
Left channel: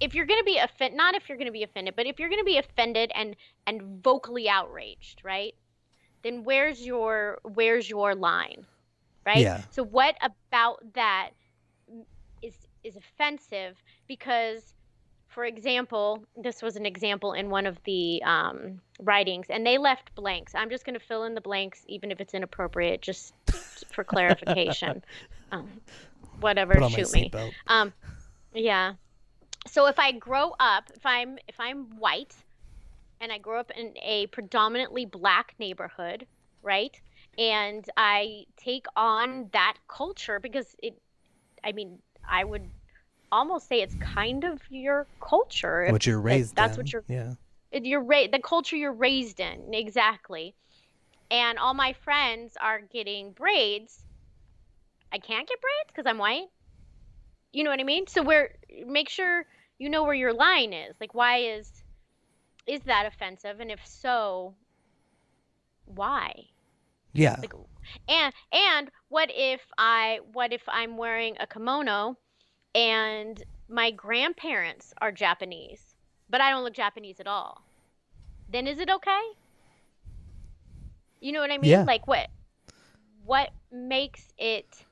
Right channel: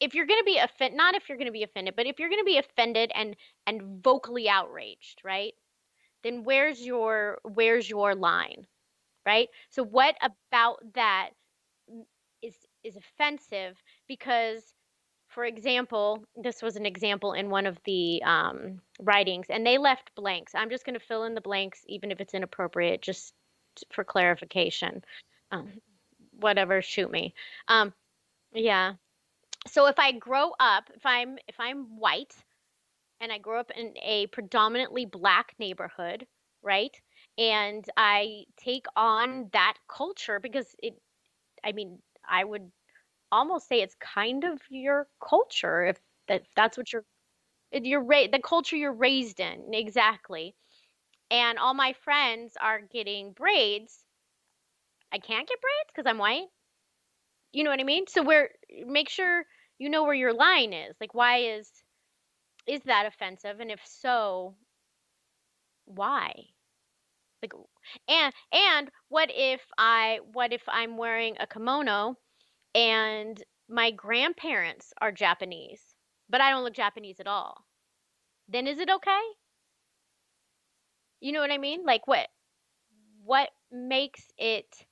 if you're going to be offended, not if you're going to be offended, but if you're going to be offended and vocally outraged, right? Then where's your line, right? Yeah. So what about that is offensive? Because, for example, this was an example in one of the writings, and they left blanks. I'm just going to fill in the blanks, even if it's inappropriate, just for clarification. Um, Put whatever, on my shoot me. seatbelt. Um, yeah. So if I grow up, if I'm white and I grow up in a predominantly black neighborhood, right? And I take on that culture because I mean, I would almost say it's kind of your culture, if What you're that raised that's what in. Yeah. the culture you're raised in, exactly. And all my friends are getting braids. I can't get braids because I'm white. You know what I mean? So where make sure you know where your line is. Like, why is that offensive? And if so, why? Yeah. Like, and what if I'm wearing a kimono and my grandparents are Japanese, but I don't look Japanese at all? Then is it okay? You know what I mean? Yeah. Like, what makes it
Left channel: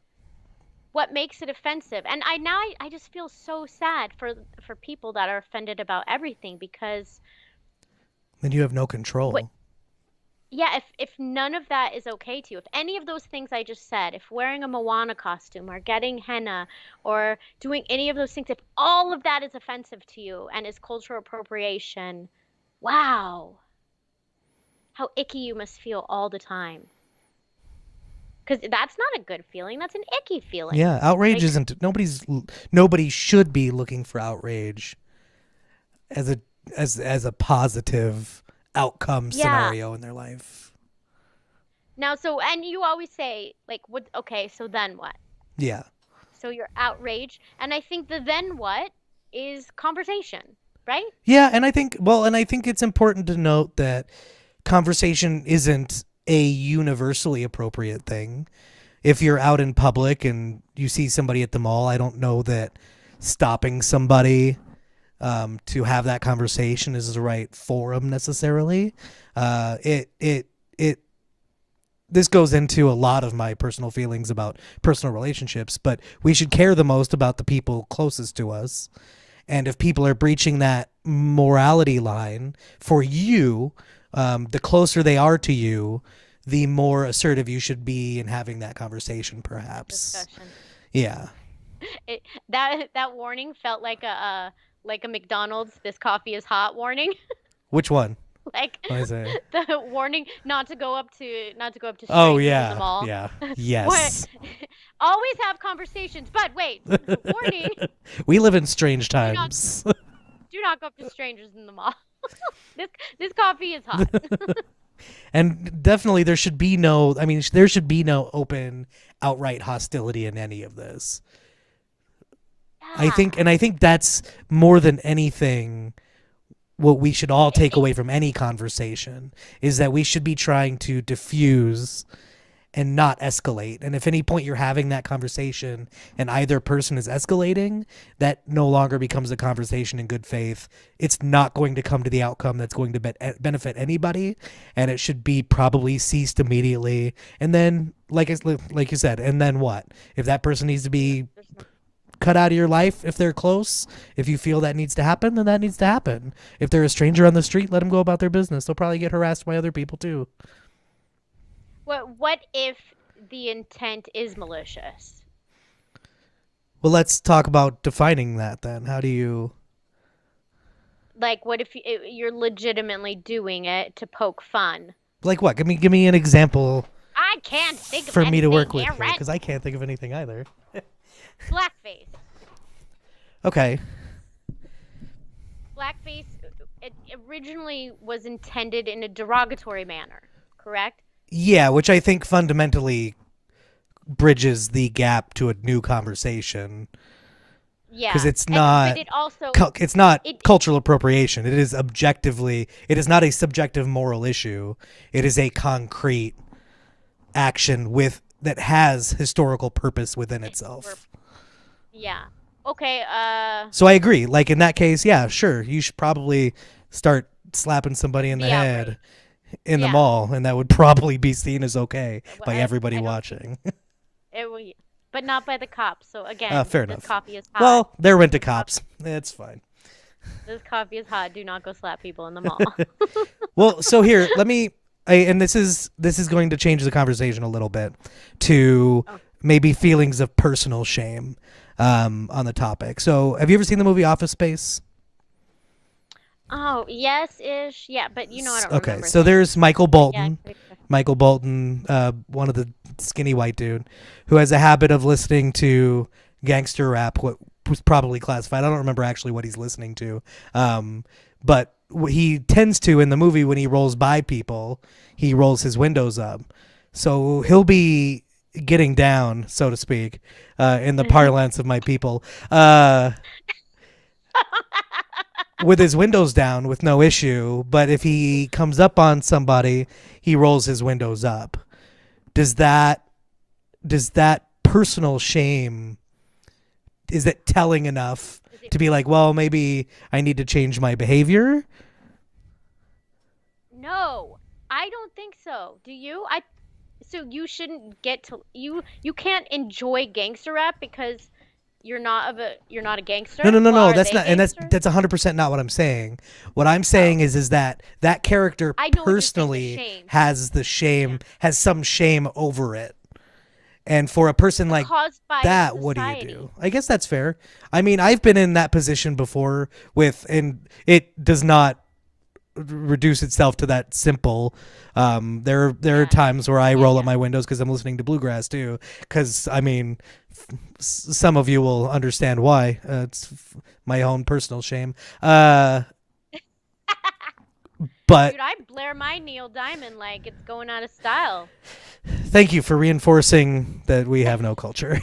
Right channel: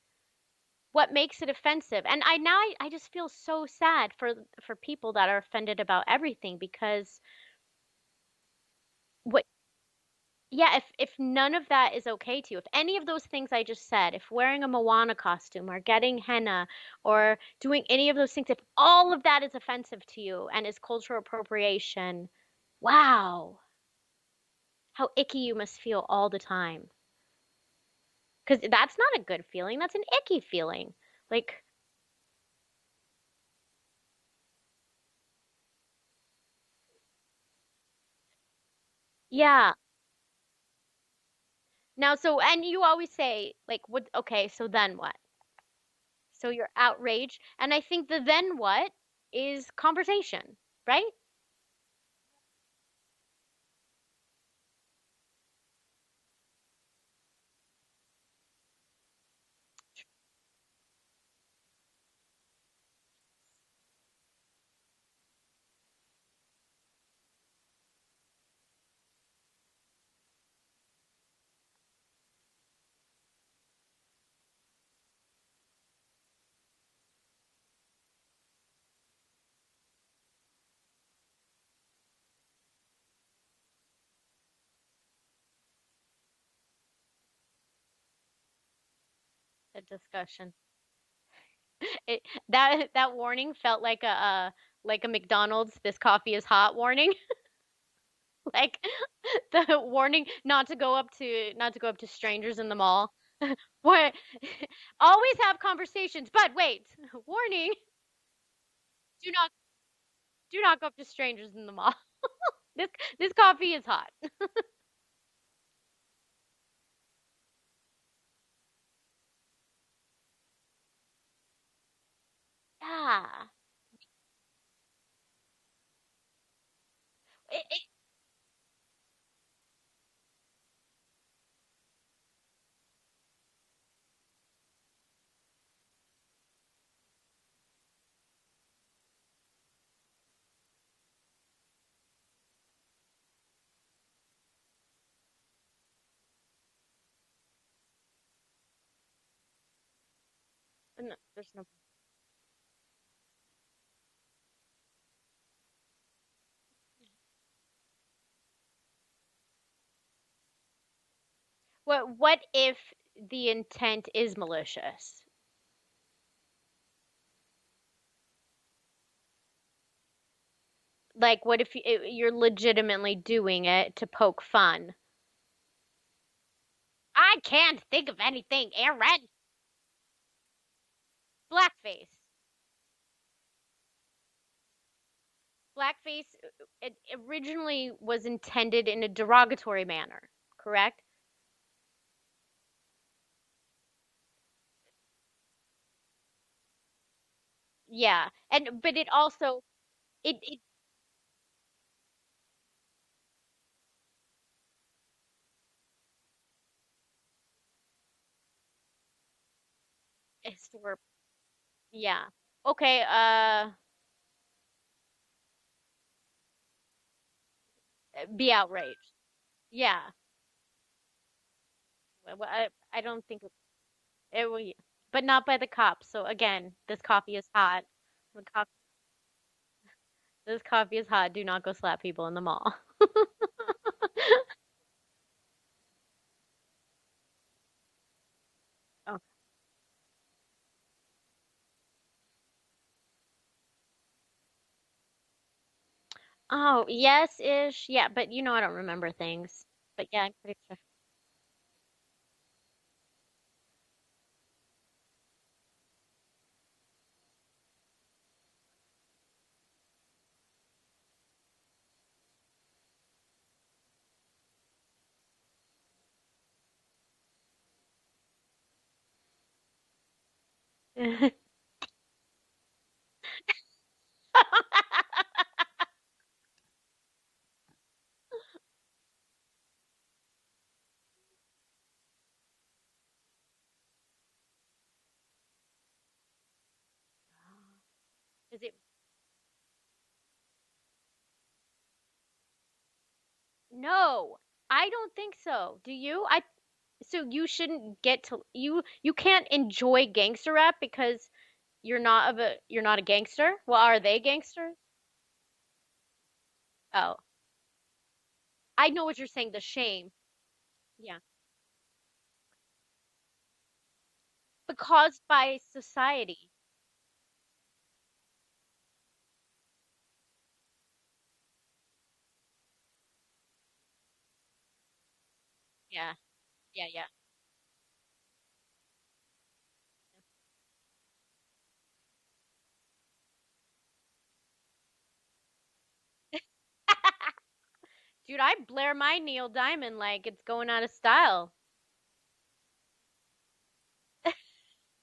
what makes it offensive? And I just feel so sad for people that are offended about everything, because Then you have no what control. yeah, if none of that is okay to you, if any of those things I just said, if wearing a Moana costume or getting henna or doing any of those things, if all of that is offensive to you and is cultural appropriation, wow, how icky you must feel all the time. Because that's not a good feeling. That's an icky feeling. Yeah, outrage Like, isn't nobody should be looking for outrage as a positive outcome yeah. scenario in their life. Now, so, and you always say, like, what, okay, so then what? Yeah. So you're outraged. And I think the then what is conversation, right? Yeah, and I think it's important to note that conversation isn't a universally appropriate thing. If you're out in public and you see somebody at the mall, I don't know that stopping somebody to have that conversation is the right forum necessarily. It this goes into a lot of my personal feelings about personal relationships, but we should care the most about the people closest to us. And if people are breaching that morality line for you, the closer they are to you, the more assertive you should be in having that conversation, That perhaps. discussion. Yeah. That warning felt like a McDonald's "this coffee is hot" warning. Which one? Like What is it? the warning not to go up to Oh strangers in the yeah, mall. yeah, What? yes. Always have conversations, but wait, warning, We live in strange do not times. do not go up to strangers in the mall. This this coffee is hot. And definitely there should be no, I mean, there should be no open, outright hostility in any of this. Yeah. I think that's more than anything what we should all take away from any conversation is that we should be trying to diffuse and not escalate. And if any point you're having that conversation and either person is escalating, that no longer becomes a conversation in good faith. It's not going to come to the outcome that's going to benefit anybody, and it should be probably ceased immediately. And then, like you said, and then what? If that person needs to be cut out of your life, if they're close, if you feel that needs to happen, then that needs to happen. If they're a stranger on the street, let them go about their business. They'll probably get harassed by other people too. What if the intent is malicious? Well, let's talk about defining that then. How do you? Like, what if you're legitimately doing it to poke fun? Like what? Give me an example I can't think of for me to anything, work with Aaron. because I can't think of anything either. Blackface. Okay. Blackface it originally was intended in a derogatory manner, correct? Yeah, which I think fundamentally bridges the gap to a new conversation Yeah. because it's And not but it also it's not it cultural appropriation. It is objectively, it is not a subjective moral issue. It is a concrete action with that has historical purpose within itself. yeah. Okay, So I agree. Like in that case, yeah, sure, you should probably start slapping somebody in the be head outraged. in the Yeah. mall, and that would probably be seen as okay Well, by everybody I don't think watching. it will, but not by the cops. So again, Fair this enough. coffee is hot. Well, there went to This coffee- cops. It's fine. This coffee is hot. Do not go slap people in the mall. Well, so here, let me. And this is going to change the conversation a little bit to Oh. maybe feelings of personal shame on the topic. So, have you ever seen the movie Office Space? Oh, yes ish. Yeah, but I don't Okay, remember so things. there's Michael But yeah, Bolton. I'm pretty sure. Michael Bolton, one of the skinny white dude, who has a habit of listening to gangster rap, what was probably classified. I don't remember actually what he's listening to, but what he tends to in the movie when he rolls by people, he rolls his windows up, so he'll be getting down, so to speak, in the parlance of my people, with his windows down with no issue. But if he comes up on somebody, he rolls his windows up. Does that personal shame, is it telling enough Is it- to be like, well, maybe I need to change my behavior? No, I don't think so. Do you? So you shouldn't get to you can't enjoy gangster rap because you're not a gangster. No. Well, are That's they not, and gangsters? that's 100% not what I'm saying. What I'm saying is that character I know what you're saying, the personally shame. has the shame, Yeah. has some shame over it. And for a person like Caused by that, what do you society. do? I guess that's fair. I mean, I've been in that position before and it does not reduce itself to that simple. There are Yeah. times where I roll up yeah. my windows because I'm listening to bluegrass too. Because I mean, some of you will understand why. It's my own personal shame. But Dude, I blare my Neil Diamond like it's going out of style. thank you for reinforcing that we have no culture.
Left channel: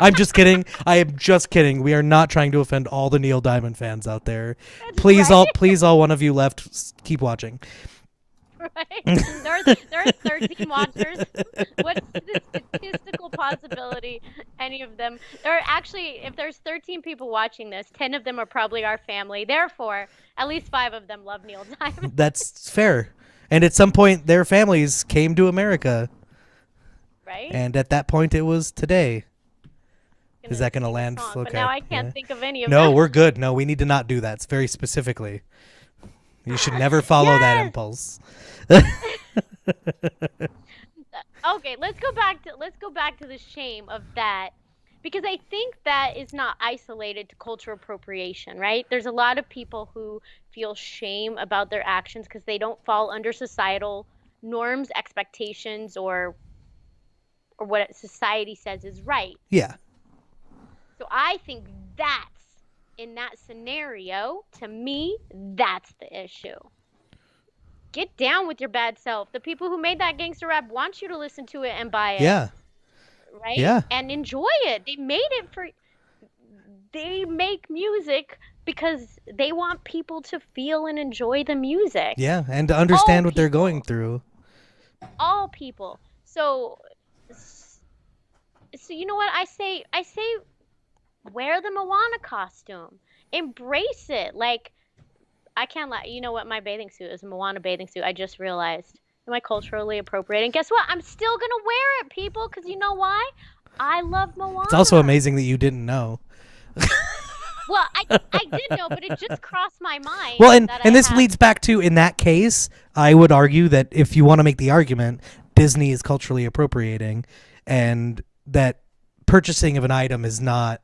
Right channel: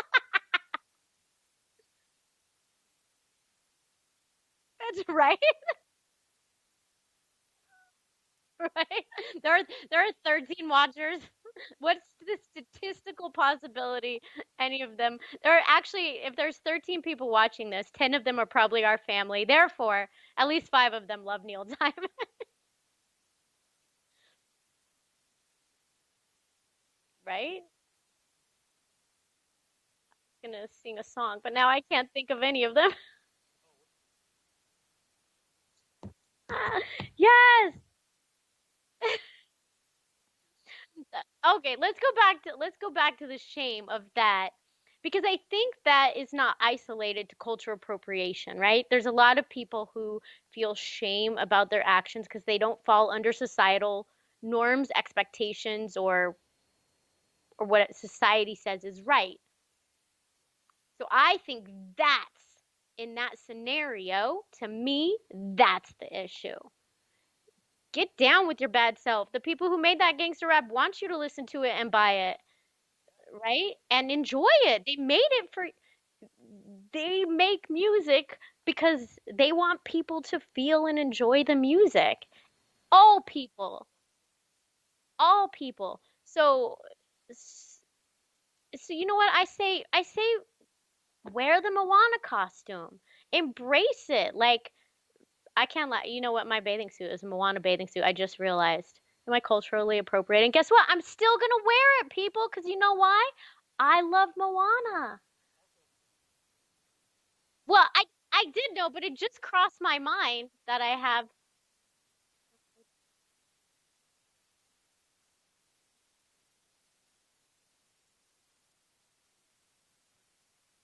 I'm just kidding. I am just kidding. We are not trying to offend all the Neil Diamond fans out there. That's Please, right. please, all one of you left, keep watching. Right? There are 13 watchers. What's the statistical possibility any of them? There are actually, if there's 13 people watching this, 10 of them are probably our family. Therefore, at least 5 of them love Neil Diamond. That's fair. And at some point, their families came to America, Right? and at that point, it was today. Gonna Is that going to sing a land? song, Okay. But now I can't Yeah. think of any of No, them. we're good. No, we need to not do that. It's very specifically. You should never follow that Yes! impulse. Okay, let's go back to the shame of that because I think that is not isolated to cultural appropriation, right? There's a lot of people who feel shame about their actions because they don't fall under societal norms, expectations, or what society says is right. Yeah. So I think that's in that scenario, to me, that's the issue. Get down with your bad self. The people who made that gangster rap want you to listen to it and buy it, Yeah. right? Yeah. And enjoy it. They make music because they want people to feel and enjoy the music. Yeah. And to All understand what they're going people, through. all people. So, so you know what I say wear the Moana costume. Embrace it. Like, I can't lie. You know what? My bathing suit is a Moana bathing suit. I just realized. Am I culturally appropriating? Guess what? I'm still gonna wear it, people, because you know why? I love It's also Moana. amazing that you didn't know. Well, I did know, but it just crossed my Well, mind and that and I this have. leads back to, in that case, I would argue that if you want to make the argument, Disney is culturally appropriating, and that purchasing of an item is not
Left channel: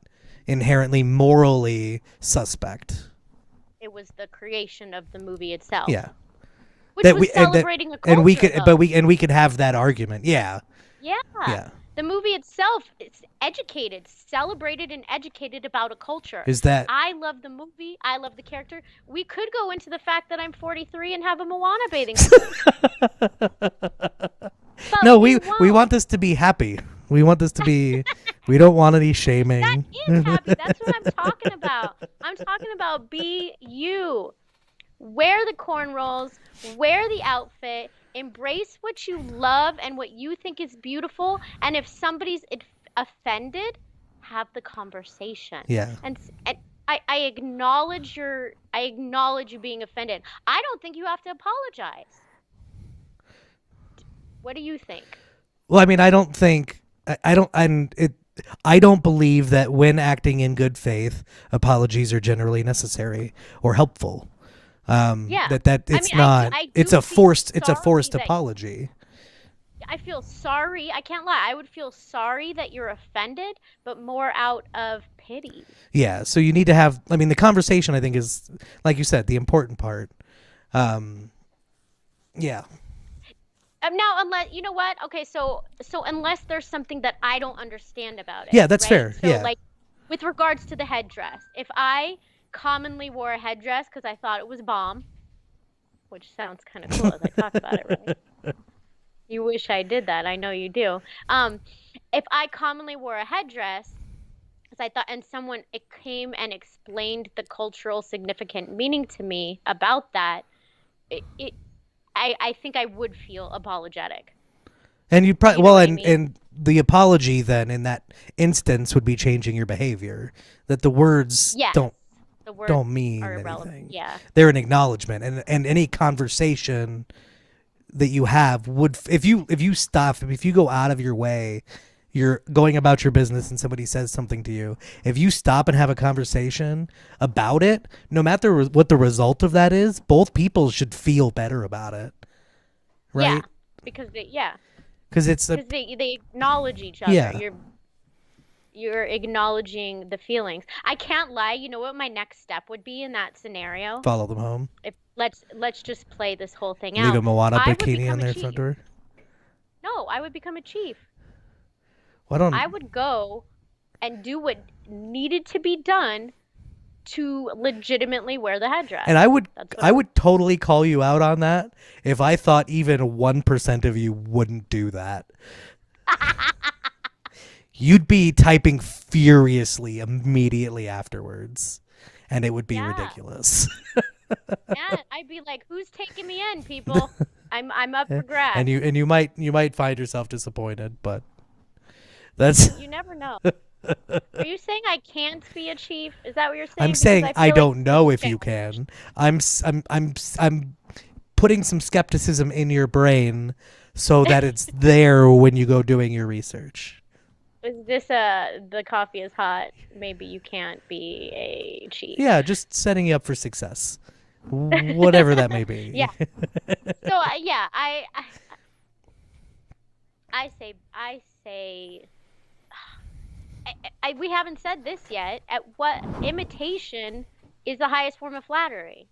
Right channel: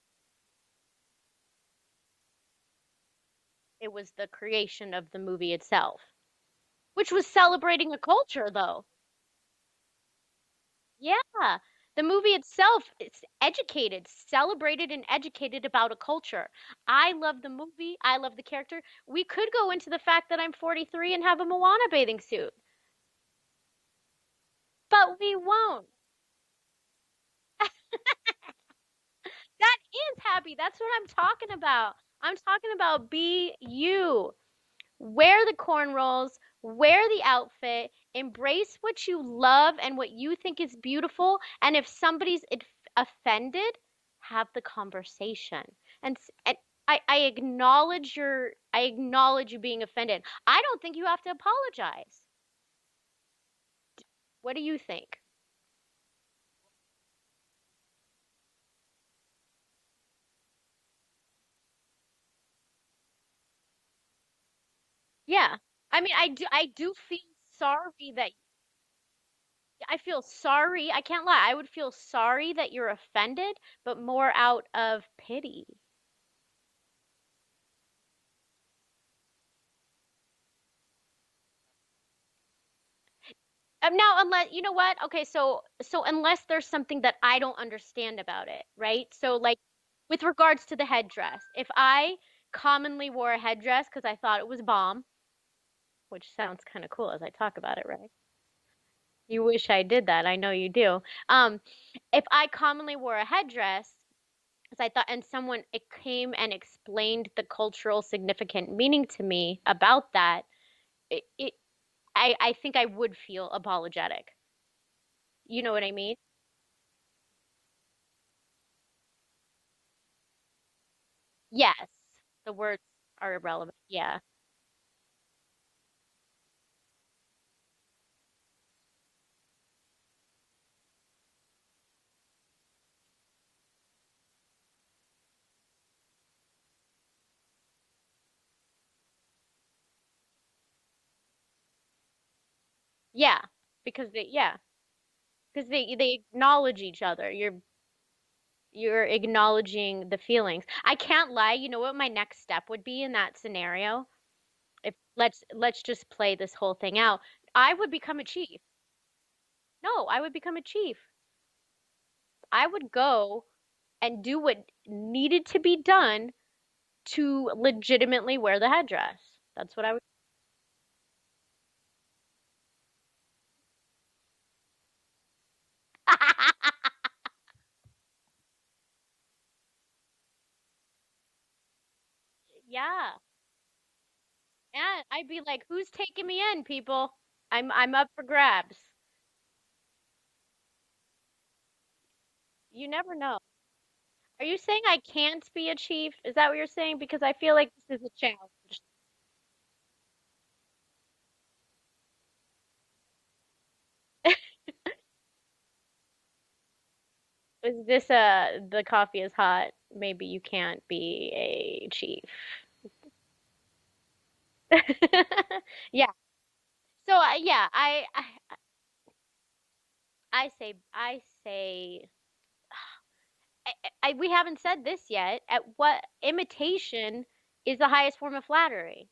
inherently morally suspect. It was the creation of the movie itself, Yeah. which That was we and that celebrating a and we culture, could but though. we could have that argument. Yeah. Yeah. Yeah. The movie itself is educated, celebrated and educated about a culture. Is that I love the movie. I love the character. We could go into the fact that I'm 43 and have a Moana bathing suit, but No, we we won't. want this to be happy. We want this to be we don't want any That shaming. is happy. That's what I'm talking about. I'm talking about be you. Wear the cornrows, wear the outfit, embrace what you love and what you think is beautiful. And if somebody's offended, have the conversation. Yeah. And I I acknowledge you being offended. I don't think you have to apologize. What do you think? Well, I mean, I don't think I don't and it I don't believe that when acting in good faith, apologies are generally necessary or helpful. Yeah. That I it's mean, not I it's do a feel forced sorry that apology. I feel sorry. I can't lie. I would feel sorry that you're offended, but more out of pity. Yeah, so you need to have I mean the conversation I think is like you said the important part. Um yeah. Now, unless you know what? Okay, so unless there's something that I don't understand about it, Yeah, that's right? fair. So Yeah. like with regards to the headdress, if I commonly wore a headdress because I thought it was bomb, which sounds kind of cool as I talk about it, right? You wish I did that. I know you do. Um, if I commonly wore a headdress, as I thought, and someone it came and explained the cultural significant meaning to me about that, it I think I would feel apologetic. And you Do probably you know well, what I mean? and the apology then in that instance would be changing your behavior. That the words Yes, the words don't are mean irrelevant. anything. Yeah. They're an acknowledgement, and any conversation that you have would if you stop if you go out of your way, you're going about your business and somebody says something to you. If you stop and have a conversation about it, no matter what the result of that is, both people should feel better about it, Yeah, right? because yeah, Because it's a because they acknowledge each other. yeah. You're acknowledging the feelings. I can't lie. You know what my next step would be in that scenario? Follow them home. If let's just play this whole thing Leave out. a Moana I would bikini on become a their front chief. door. No, I would become a chief. Why don't I would go and do what needed to be done to legitimately wear the headdress. and That's what I I would. would totally call you out on that if I thought even 1% of you wouldn't do that. You'd be typing furiously immediately afterwards, and it would be Yeah. ridiculous. Yeah, I'd be like, "Who's taking me in, people? I'm up for grabs." And you might find yourself disappointed, but that's You never know. Are you saying I can't be a chief? Is that what you're I'm saying? Because saying I I feel like don't this is know a if you challenge. can. I'm putting some skepticism in your brain so that it's there when you go doing your research. Is this the coffee is hot? Maybe you can't be a chief. Yeah, just setting you up for success. Whatever that may be. Yeah. So yeah, I say we haven't said this yet. At what imitation is the highest form of flattery,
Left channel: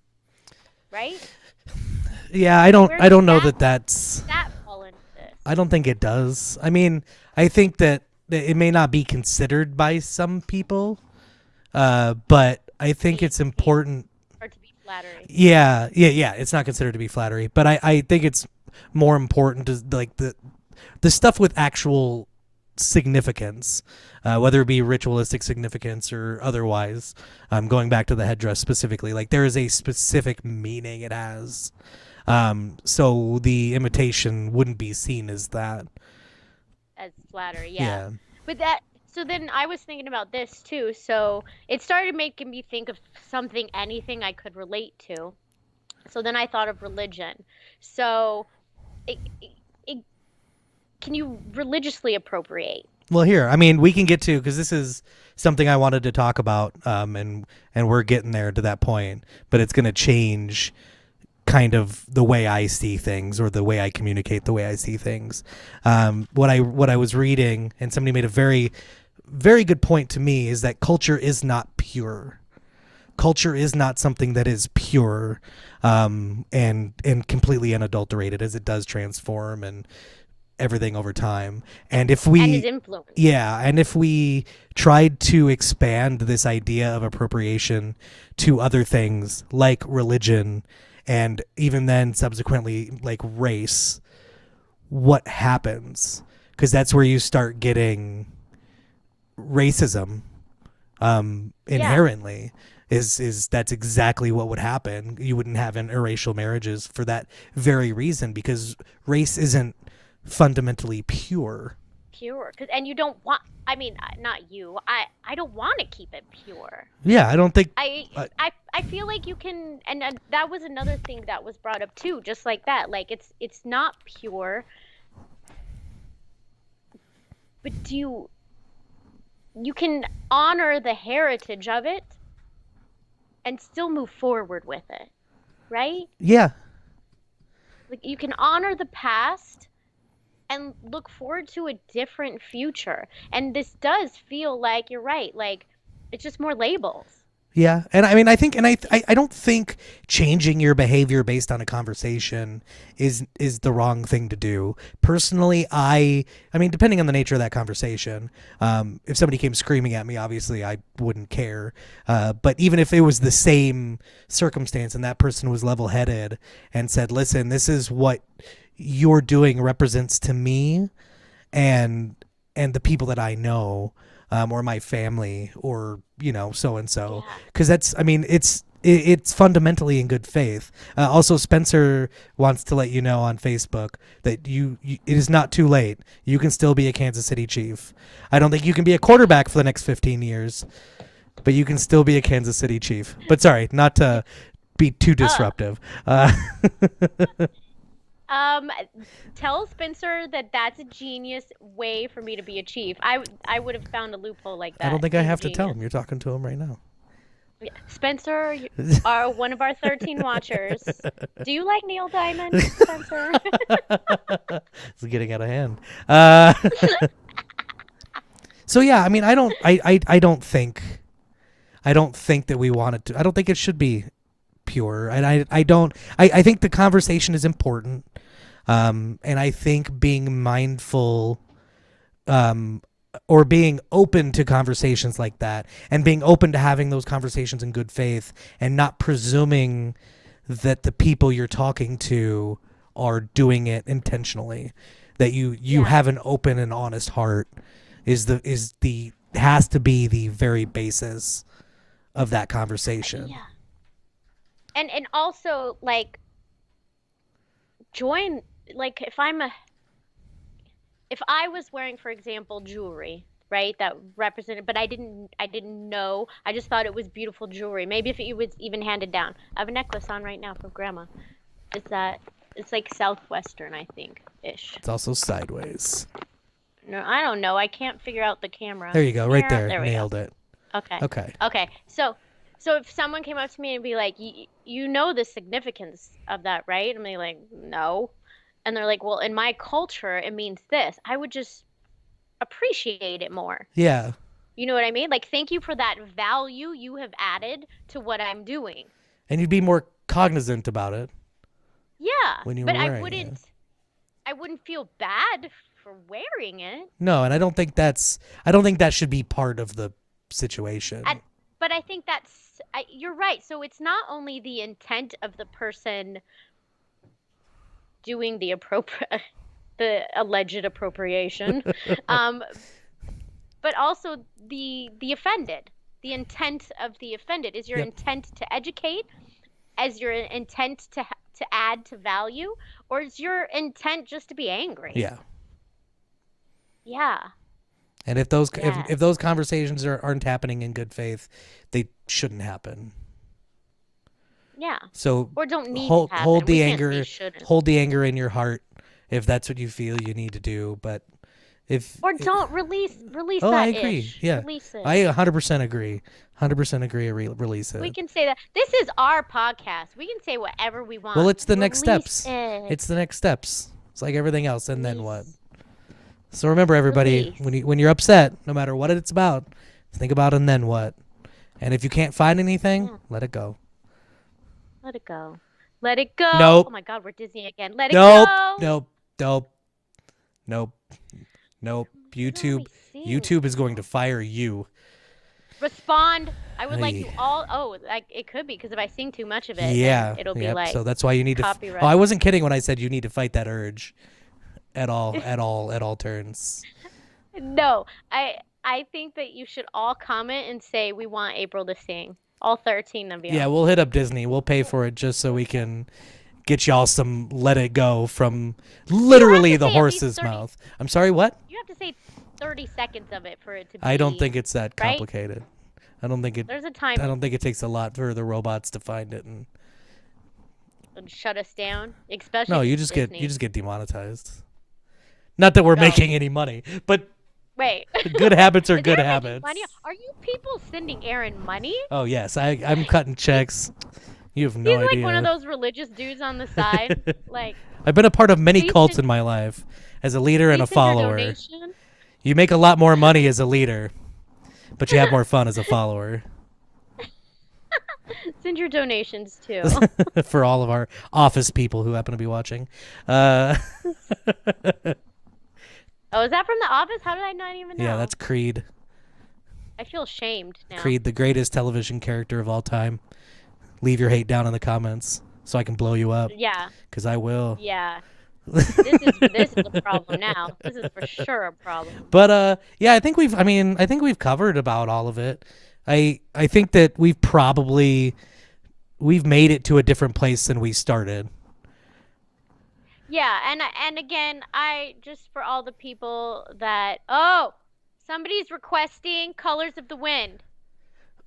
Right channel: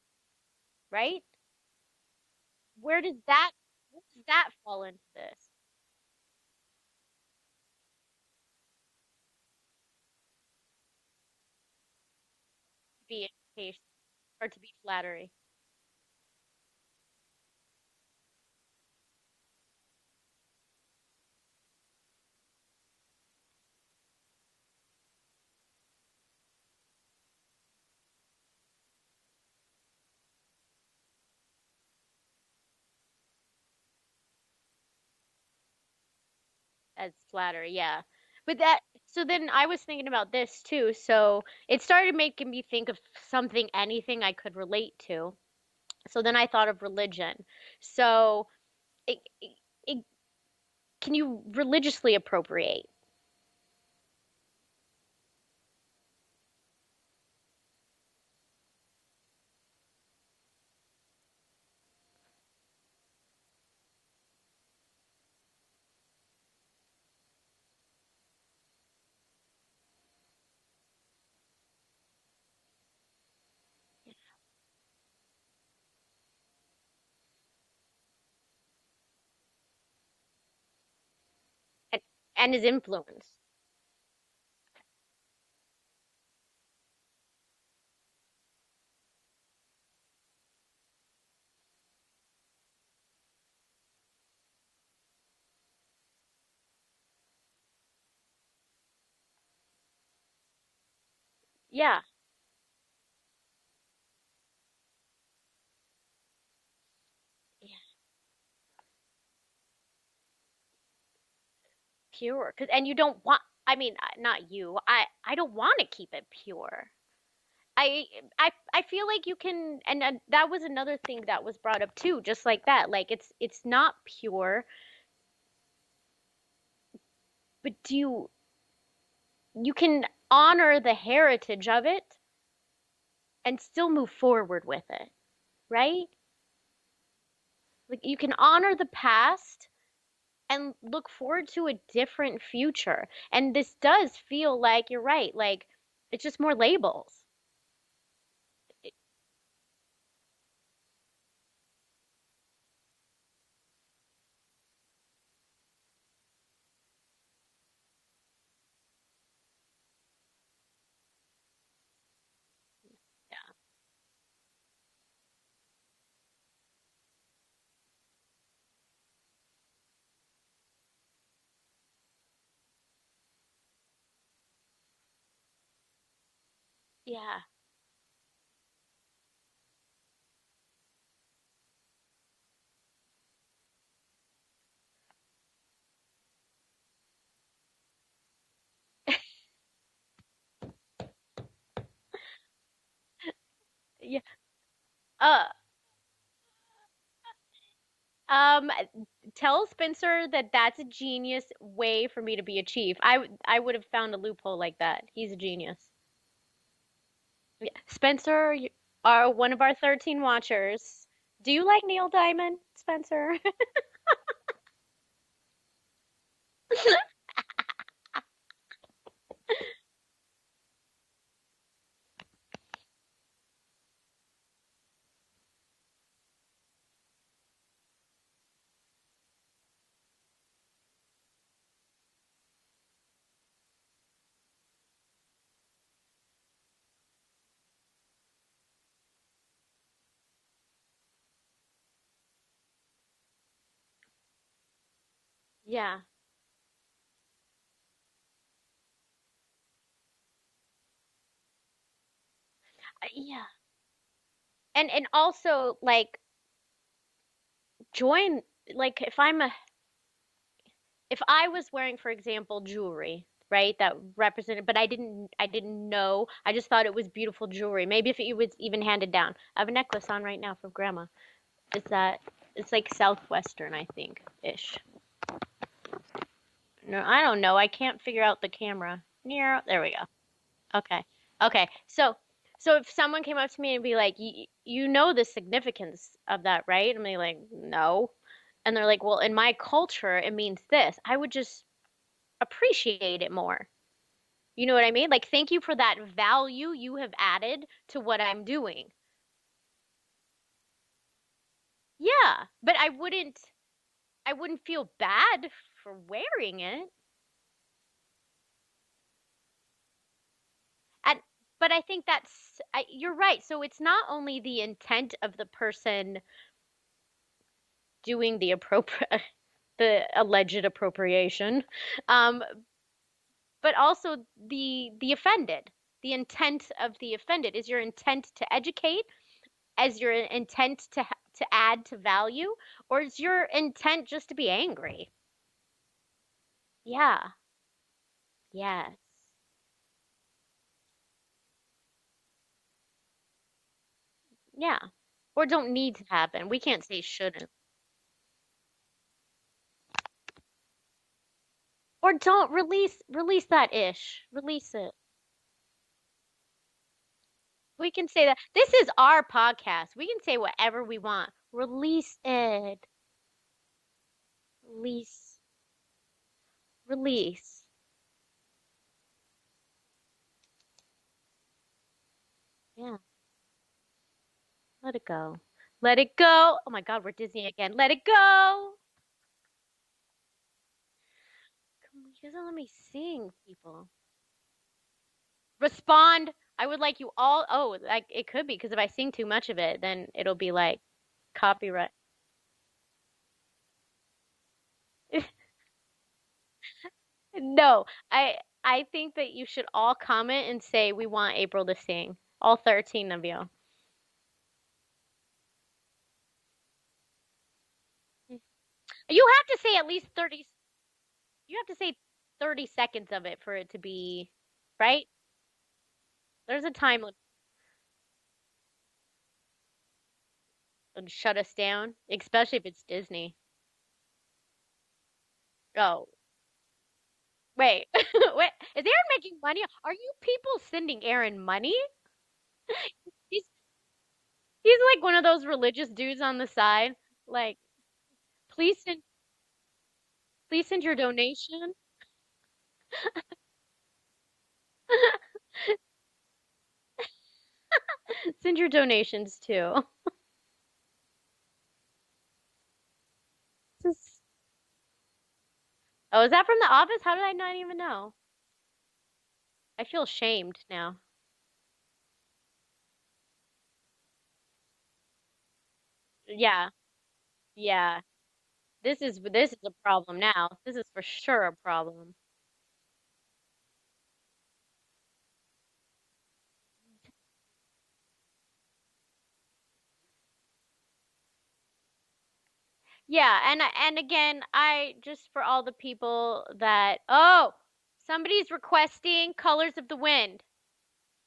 right? Yeah, I don't Where I does don't know that that's that fall into this? I don't think it does. I mean, I think that it may not be considered by some people, but I think Be it's imitation important. or to be flattery. Yeah. It's not considered to be flattery, but I think it's more important to like the stuff with actual significance, whether it be ritualistic significance or otherwise. Going back to the headdress specifically, like there is a specific meaning it has. So the imitation wouldn't be seen as that. As flattery, yeah. Yeah. But that, so then I was thinking about this too. So it started making me think of something, anything I could relate to. So then I thought of religion. So it can you religiously appropriate? Well, here, I mean, we can get to because this is something I wanted to talk about, and we're getting there to that point, but it's going to change kind of the way I see things or the way I communicate the way I see things. What I was reading, and somebody made a very good point to me, is that culture is not pure. Culture is not something that is pure, and completely unadulterated, as it does transform and everything over time. And if And his we influence. Yeah, and if we tried to expand this idea of appropriation to other things like religion and even then subsequently like race, what happens? Because that's where you start getting racism, Yeah. inherently. Is That's exactly what would happen. You wouldn't have interracial marriages for that very reason, because race isn't fundamentally pure. Pure. 'Cause, and you don't want, I mean, not you. I don't want to keep it pure. Yeah, I don't think. I Uh, I feel like you can, and that was another thing that was brought up too, just like that. Like it's not pure, but you can honor the heritage of it and still move forward with it, right? yeah, Like you can honor the past and look forward to a different future. And this does feel like you're right, like it's just more labels. yeah, and I mean, I think, and I don't think changing your behavior based on a conversation is the wrong thing to do. Personally, I mean, depending on the nature of that conversation, if somebody came screaming at me, obviously I wouldn't care. But even if it was the same circumstance and that person was level headed and said, "Listen, this is what you're doing represents to me and the people that I know, or my family, or so and so," Yeah. because that's, I mean, it's fundamentally in good faith. Also, Spencer wants to let you know on Facebook that it is not too late. You can still be a Kansas City Chief. I don't think you can be a quarterback for the next 15 years, but you can still be a Kansas City Chief. But sorry, not to be too Uh, disruptive. Um, tell Spencer that that's a genius way for me to be a chief. I would have found a loophole like I don't that. think I He's a have to tell genius. him. You're talking to him right now. Yeah. Spencer, you are one of our 13 watchers. Do you like Neil Diamond, Spencer? It's getting out of hand. Uh, so yeah, I mean, I don't think that we want it to. I don't think it should be pure, and I don't. I think the conversation is important, and I think being mindful, um, or being open to conversations like that, and being open to having those conversations in good faith, and not presuming that the people you're talking to are doing it intentionally, that you Yeah. have an open and honest heart, is the has to be the very basis of that conversation. Yeah. And also like join, like if I was wearing, for example, jewelry, right, that represented, but I didn't know. I just thought it was beautiful jewelry. Maybe if it was even handed down. I have a necklace on right now from grandma. Is that it's like southwestern, I think, ish. It's also sideways. No, I don't know. I can't figure out the camera. There you go, right Here, there. there we go. Nailed it. Okay. Okay. Okay. So if someone came up to me and be like, you know the significance of that, right? I'm like, no. And they're like, well, in my culture, it means this. I would just appreciate it more. Yeah. You know what I mean? Like, thank you for that value you have added to what I'm doing. And you'd be more cognizant about it Yeah, when you were but wearing it. I wouldn't feel bad for wearing it. No, and I don't think that should be part of the situation. And but I think you're right. So it's not only the intent of the person doing the appropriate the alleged appropriation, um, but also the offended. The intent of the offended is your Yep. intent to educate, as your intent to add to value, or is your intent just to be angry? Yeah. Yeah. And if those Yes. if those conversations aren't happening in good faith, they shouldn't happen. Yeah. So Or don't need hold to happen. hold We the can't say anger shouldn't. hold the anger in your heart if that's what you feel you need to do. But if Or don't release oh, I that agree. ish. Yeah, Release it. I 100% agree. 100% agree. Release it. We can say that. This is our podcast. We can say whatever we want. Well, it's the next Release steps. It. It's the next steps. It's like everything else, and then what? Release. So remember, everybody, Release. when you're upset, no matter what it's about, think about and then what. And if you can't find anything, Yeah. let it go. Let it go. Let it go. Nope. Oh my God, we're Disney again. Let it Nope. go. Nope. Nope. Nope. Nope. You're YouTube. only seeing YouTube is going to people. fire you. Respond. I would like Hey. you all. Oh, like it could be because if I sing too much of it, Yeah. then it'll be Yep. like So that's why you need copyright. Oh, I wasn't kidding when I said you need to fight that urge, at all turns. No, I think that you should all comment and say we want April to sing. All 13 of you. Yeah, we'll hit up Disney. We'll pay for it just so we can get y'all some "Let It Go" from literally to the say at least horse's 30 mouth. I'm sorry, what? You have to say 30 seconds of it for it to be. I don't think it's that right? complicated. I don't think it. There's a I time don't think it takes a lot for the robots to find it. And to shut us down, especially no, if you it's just Disney. get demonetized. Not that we're Oh. making any money, but Wait. good habits are Is good Aaron making habits. money? Are you people sending Aaron money? Oh yes, I'm cutting checks. You have no He's idea. like one of those religious dudes on the side. Like, I've been a part of many Please cults send- in my life as a leader and a please send your follower. donation. You make a lot more money as a leader, but you have more fun as a follower. Send your donations too. For all of our office people who happen to be watching. Oh, is that from The Office? How did I not even know? Yeah, that's Creed. I feel shamed now. Creed, the greatest television character of all time. Leave your hate down in the comments so I can blow you up, Yeah, because I will. yeah. This is a problem now. This is for sure a problem. But yeah, I think we've covered about all of it. I think that we've made it to a different place than we started. Yeah, and again, I just for all the people that somebody's requesting Colors of the Wind.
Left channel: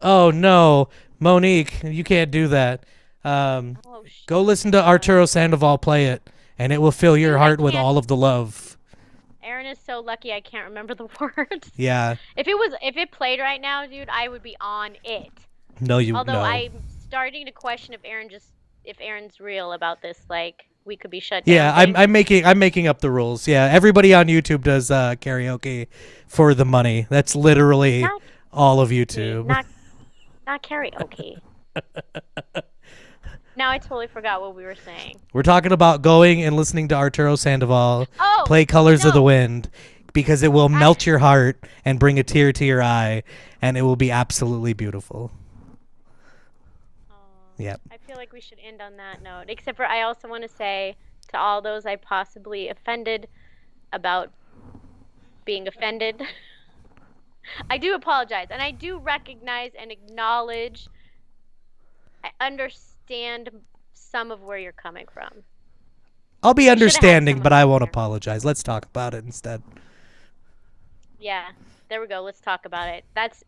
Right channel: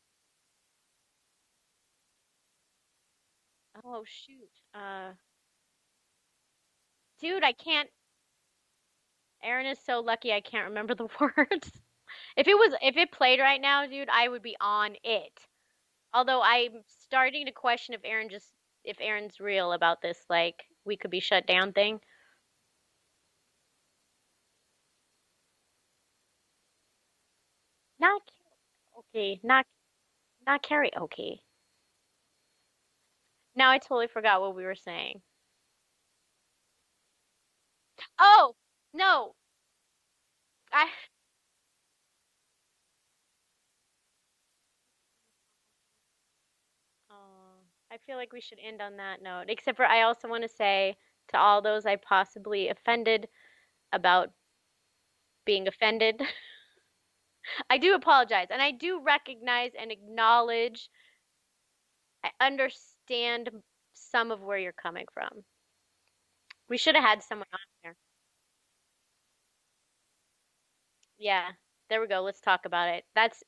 Oh no, Monique, you can't do that. Oh shit. Go listen to Arturo Sandoval play it, and it will fill your Dude, I heart with can't. all of the love. Aaron is so lucky I can't remember the words. Yeah. If it played right now, dude, I would be on it. No, Although no. I'm starting to question if Aaron's real about this, like we could be shut down. Yeah, thing. I'm making up the rules. Yeah, everybody on YouTube does karaoke for the money. That's literally Not all of karaoke, YouTube. not karaoke. Now I totally forgot what we were saying. We're talking about going and listening to Arturo Sandoval Oh, play Colors of the no. Wind, because it will melt your heart and bring a tear to your eye, and it will be absolutely beautiful. Oh, Yep. I feel like we should end on that note. Except for I also want to say to all those I possibly offended about being offended, I do apologize, and I do recognize and acknowledge. I understand some of where you're coming from. I'll be We shoulda had understanding, someone but I won't there. apologize. Let's talk about it instead. Yeah, there we go. Let's talk about it. That should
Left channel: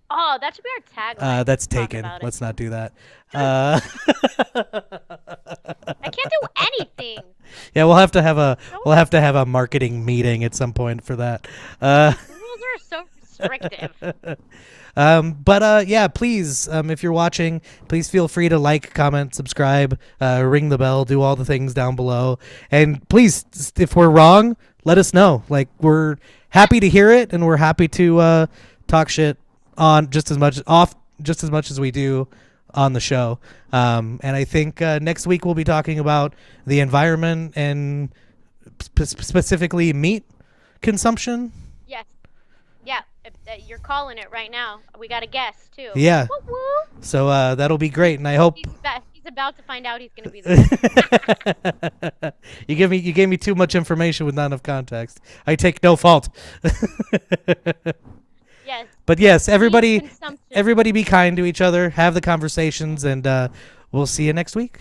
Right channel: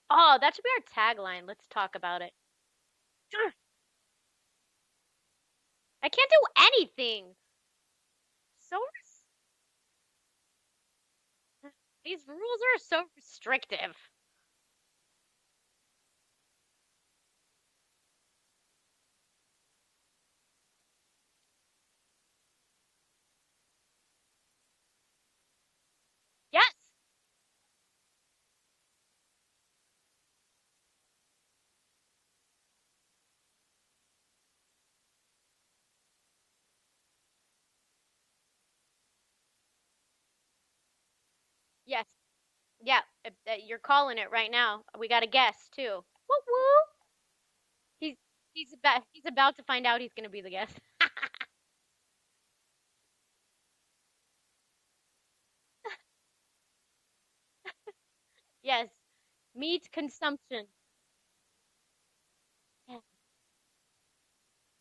be our tagline. That's Talk taken. about it. Let's not do that. I can't do anything. Yeah, we'll have to have No. a marketing meeting at some point for that. Rules are so restrictive. But yeah, please, if you're watching, please feel free to like, comment, subscribe, ring the bell, do all the things down below, and please, if we're wrong, let us know. Like, we're happy to hear it, and we're happy to talk shit on just as much as we do on the show. And I think next week we'll be talking about the environment and specifically meat consumption. Yes. Yeah. You're calling it right now. We got a guest too. Yeah. Woo woo. So that'll be great, and I hope He's about to find out he's going to be the guest. you gave me too much information with not enough context. I take no fault. Yes. But yes, Meat everybody consumption. everybody be kind to each other, have the conversations, and we'll see you next week.